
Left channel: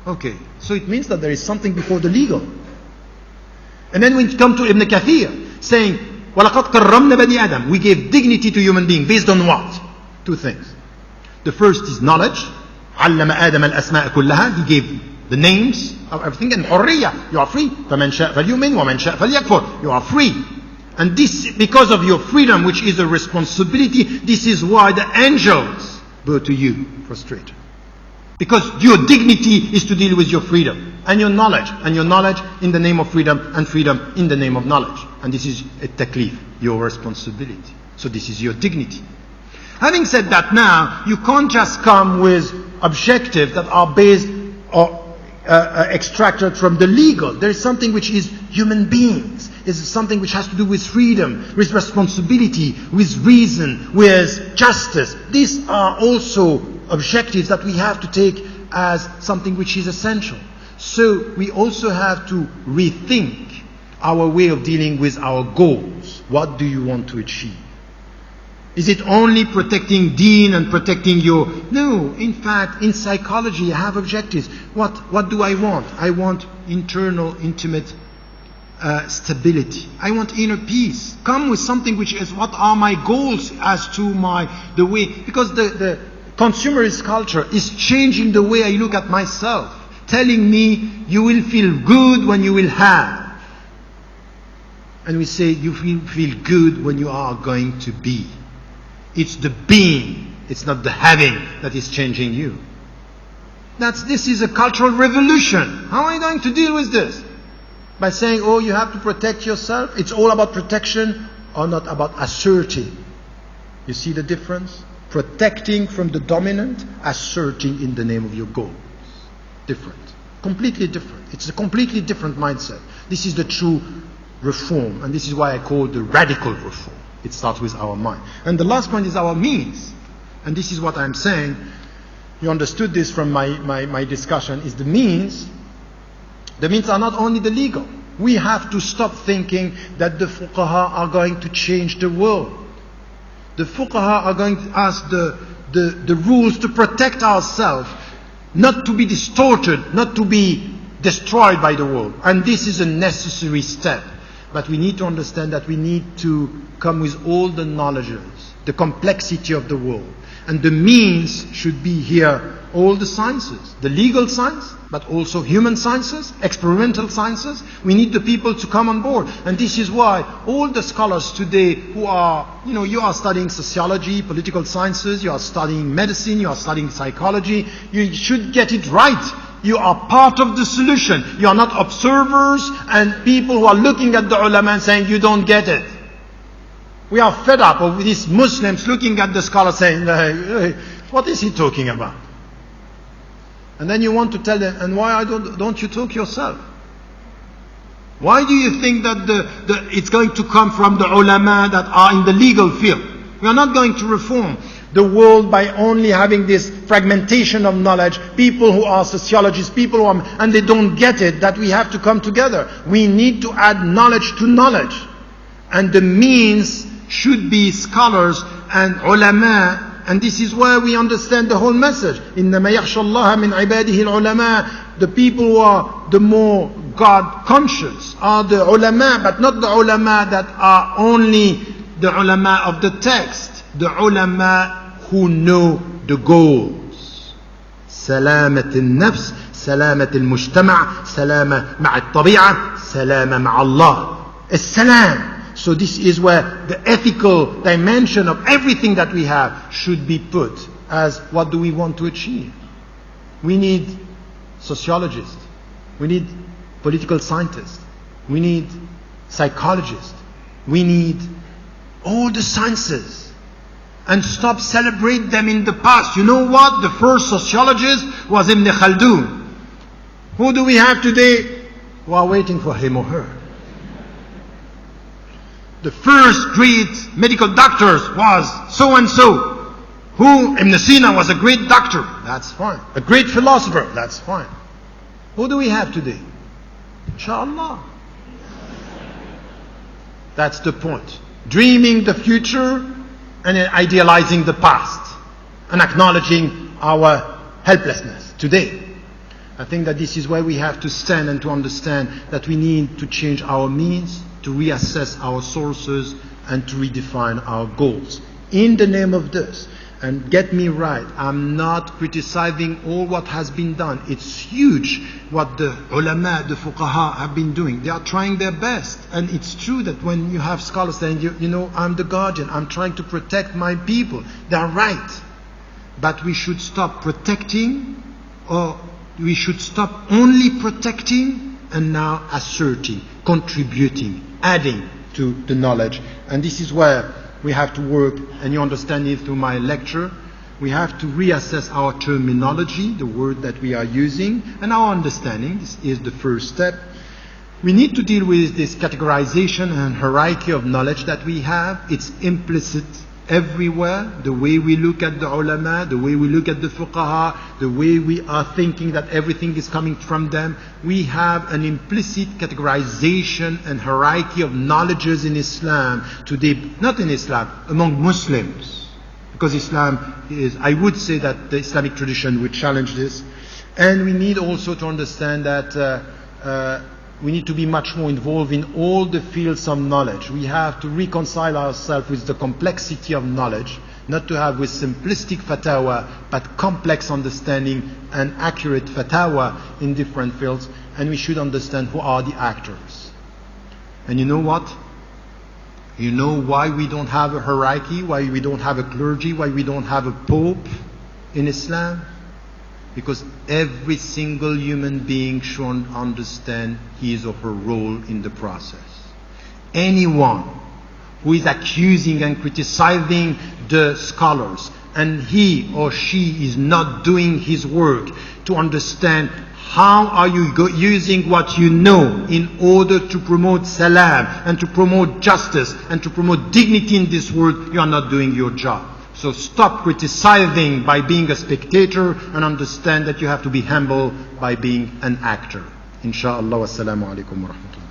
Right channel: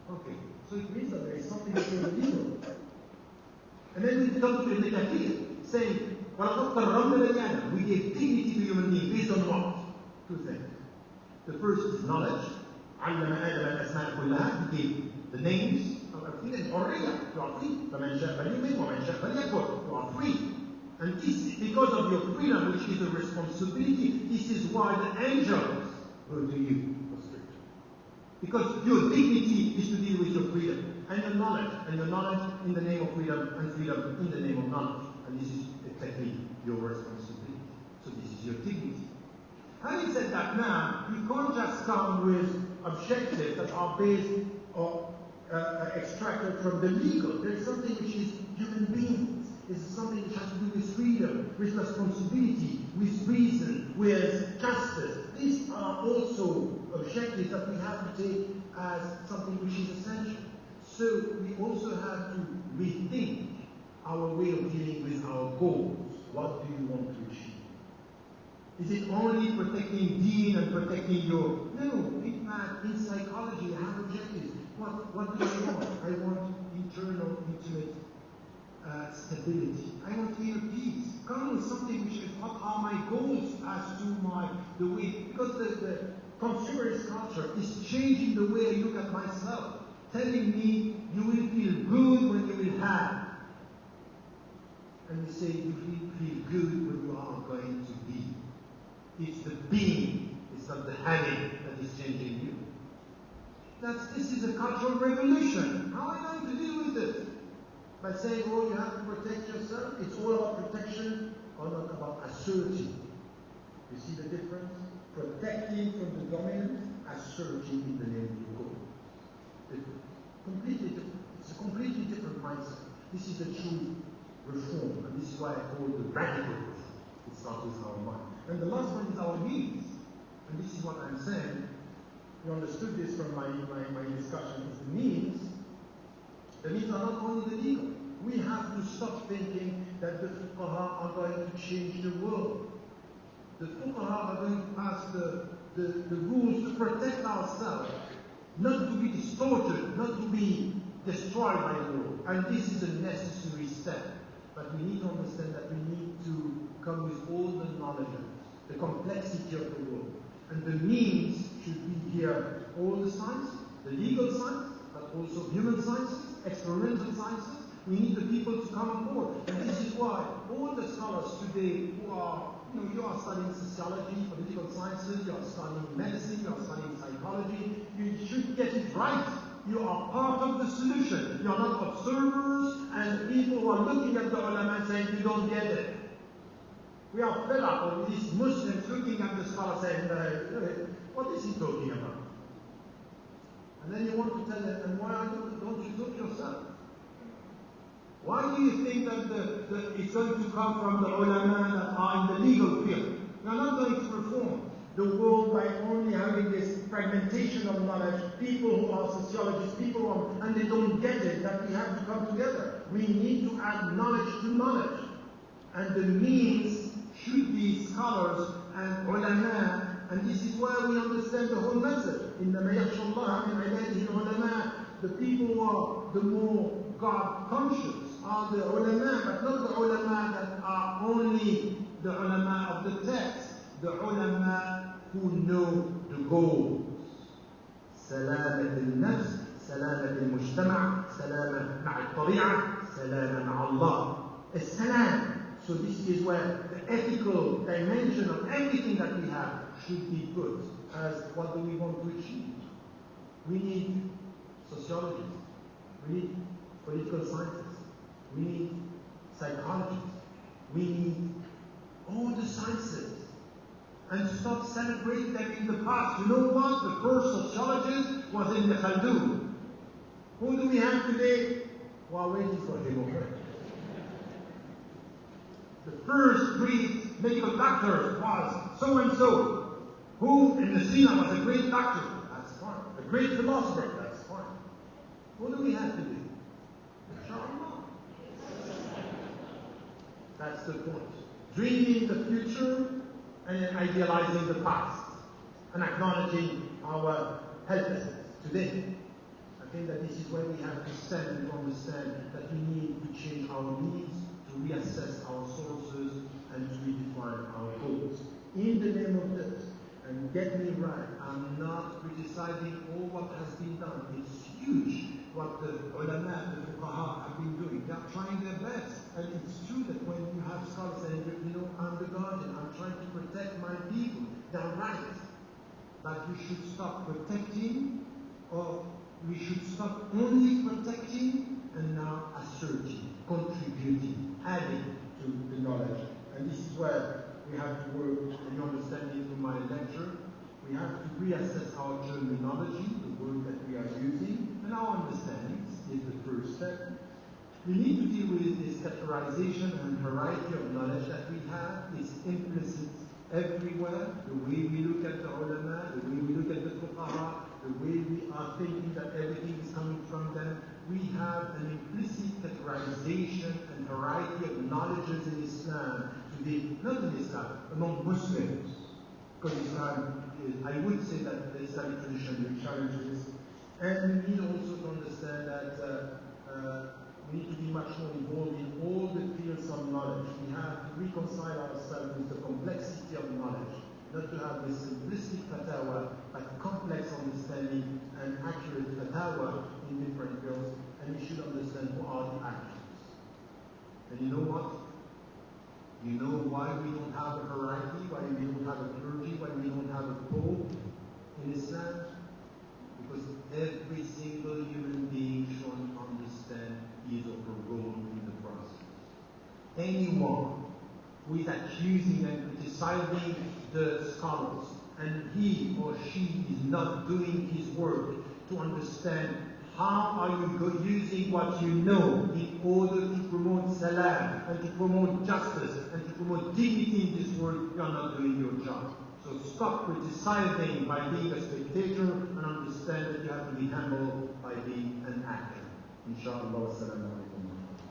Okay, so it means that there is something before the legal. And then when you come to Ibn Kathir, saying, وَلَقَدْ كَرَّمْنَا بَنِي آدَمَ, we gave dignity to human beings, based on what? Two things. The first is knowledge. علم آدم الأسماء كلها. He gave the names of everything. And حرية, you are free. فمن شاء فليؤمن ومن شاء فليكفر. You are free. And this, because of your freedom, which is a responsibility, this is why the angels go to you frustrated. Because your dignity is to deal with your freedom and your knowledge in the name of freedom, and freedom in the name of knowledge. And this is a taklif, your responsibility. So this is your dignity. Having said that, now you can't just come with objectives that are based or extracted from the legal. There is something which is human beings. It's something which has to do with freedom, with responsibility, with reason, with justice. These are also objectives that we have to take as something which is essential. So we also have to rethink our way of dealing with our goals. What do you want to achieve? Is it only protecting deen and protecting your... No, in fact, in psychology, I have objectives. What do I want? I want internal, intimate stability. I want inner peace. Come with something which is, what are my goals as to the way... Because the consumerist culture is changing the way I look at myself, telling me you will feel good when you will have. And we say you feel good when you are going to be. It's the being, it's not the having that is changing you. This is a cultural revolution. How are you going to deal with this? By saying, oh, you have to protect yourself. It's all about protection or not about asserting. You see the difference? Protecting from the dominant, asserting in the name of your goals. Different. Completely different. It's a completely different mindset. This is the true reform, and this is why I call it the radical reform. It starts with our mind. And the last point is our means. And this is what I'm saying. You understood this from my discussion, is the means. The means are not only the legal. We have to stop thinking that the fuqaha are going to change the world. The fuqaha are going to ask the rules to protect ourselves, not to be distorted, not to be destroyed by the world. And this is a necessary step. But we need to understand that we need to come with all the knowledges, the complexity of the world. And the means should be here, all the sciences, the legal science, but also human sciences, experimental sciences. We need the people to come on board. And this is why all the scholars today who are, you are studying sociology, political sciences, you are studying medicine, you are studying psychology, you should get it right. You are part of the solution. You are not observers and people who are looking at the ulama and saying, you don't get it. We are fed up of these Muslims looking at the scholar saying, hey, what is he talking about? And then you want to tell them, and why don't you talk yourself? Why do you think that it's going to come from the ulama that are in the legal field? We are not going to reform the world by only having this fragmentation of knowledge, people who are sociologists, people who are, and they don't get it, that we have to come together. We need to add knowledge to knowledge. And the means should be scholars and ulama, and this is where we understand the whole message. إِنَّمَا يَخْشَى اللَّهَ مِنْ عِبَادِهِ الْعُلَمَاء. The people who are the more God conscious are the ulama, but not the ulama that are only the ulama of the text. The ulama who know the goals. سلامة النفس, سلامة المجتمع, سلامة مع الطبيعة, سلامة مع الله. السلام. So this is where the ethical dimension of everything that we have should be put as what do we want to achieve. We need sociologists. We need political scientists. We need psychologists. We need all the sciences. and stop celebrate them in the past. You know what? The first sociologist was Ibn Khaldun. Who do we have today? We are waiting for him or her. The first great medical doctor was so and so. Who? Ibn Sina was a great doctor. That's fine. A great philosopher. That's fine. Who do we have today? Inshallah. That's the point. Dreaming the future and idealizing the past and acknowledging our helplessness today. I think that this is where we have to stand and to understand that we need to change our means, to reassess our sources, and to redefine our goals. In the name of this, and get me right, I'm not criticizing all what has been done. It's huge what the ulama, the fuqaha have been doing. They are trying their best. And it's true that when you have scholars saying, you know, I'm the guardian, I'm trying to protect my people. They are right. But we should stop protecting, or we should stop only protecting and now asserting, contributing, adding to the knowledge. And this is where we have to work, and you understand it through my lecture. We have to reassess our terminology, the word that we are using, and our understanding. This is the first step. We need to deal with this categorization and hierarchy of knowledge that we have. It's implicit everywhere. The way we look at the ulama, the way we look at the fuqaha, the way we are thinking that everything is coming from them. We have an implicit categorization and hierarchy of knowledges in Islam today, not in Islam, among Muslims. Because Islam is, I would say that the Islamic tradition would challenge this. And we need also to understand that we need to be much more involved in all the fields of knowledge. We have to reconcile ourselves with the complexity of knowledge, not to have with simplistic fatwa, but complex understanding and accurate fatwa in different fields. And we should understand who are the actors. And you know what? You know why we don't have a hierarchy, why we don't have a clergy, why we don't have a pope in Islam? Because every single human being should understand his or her role in the process. Anyone who is accusing and criticizing the scholars, and he or she is not doing his work to understand how are you using what you know in order to promote salam and to promote justice and to promote dignity in this world, you are not doing your job. So stop criticizing by being a spectator and understand that you have to be humble by being an actor. Insha'Allah. Wassalamu alaikum wa rahmatullah.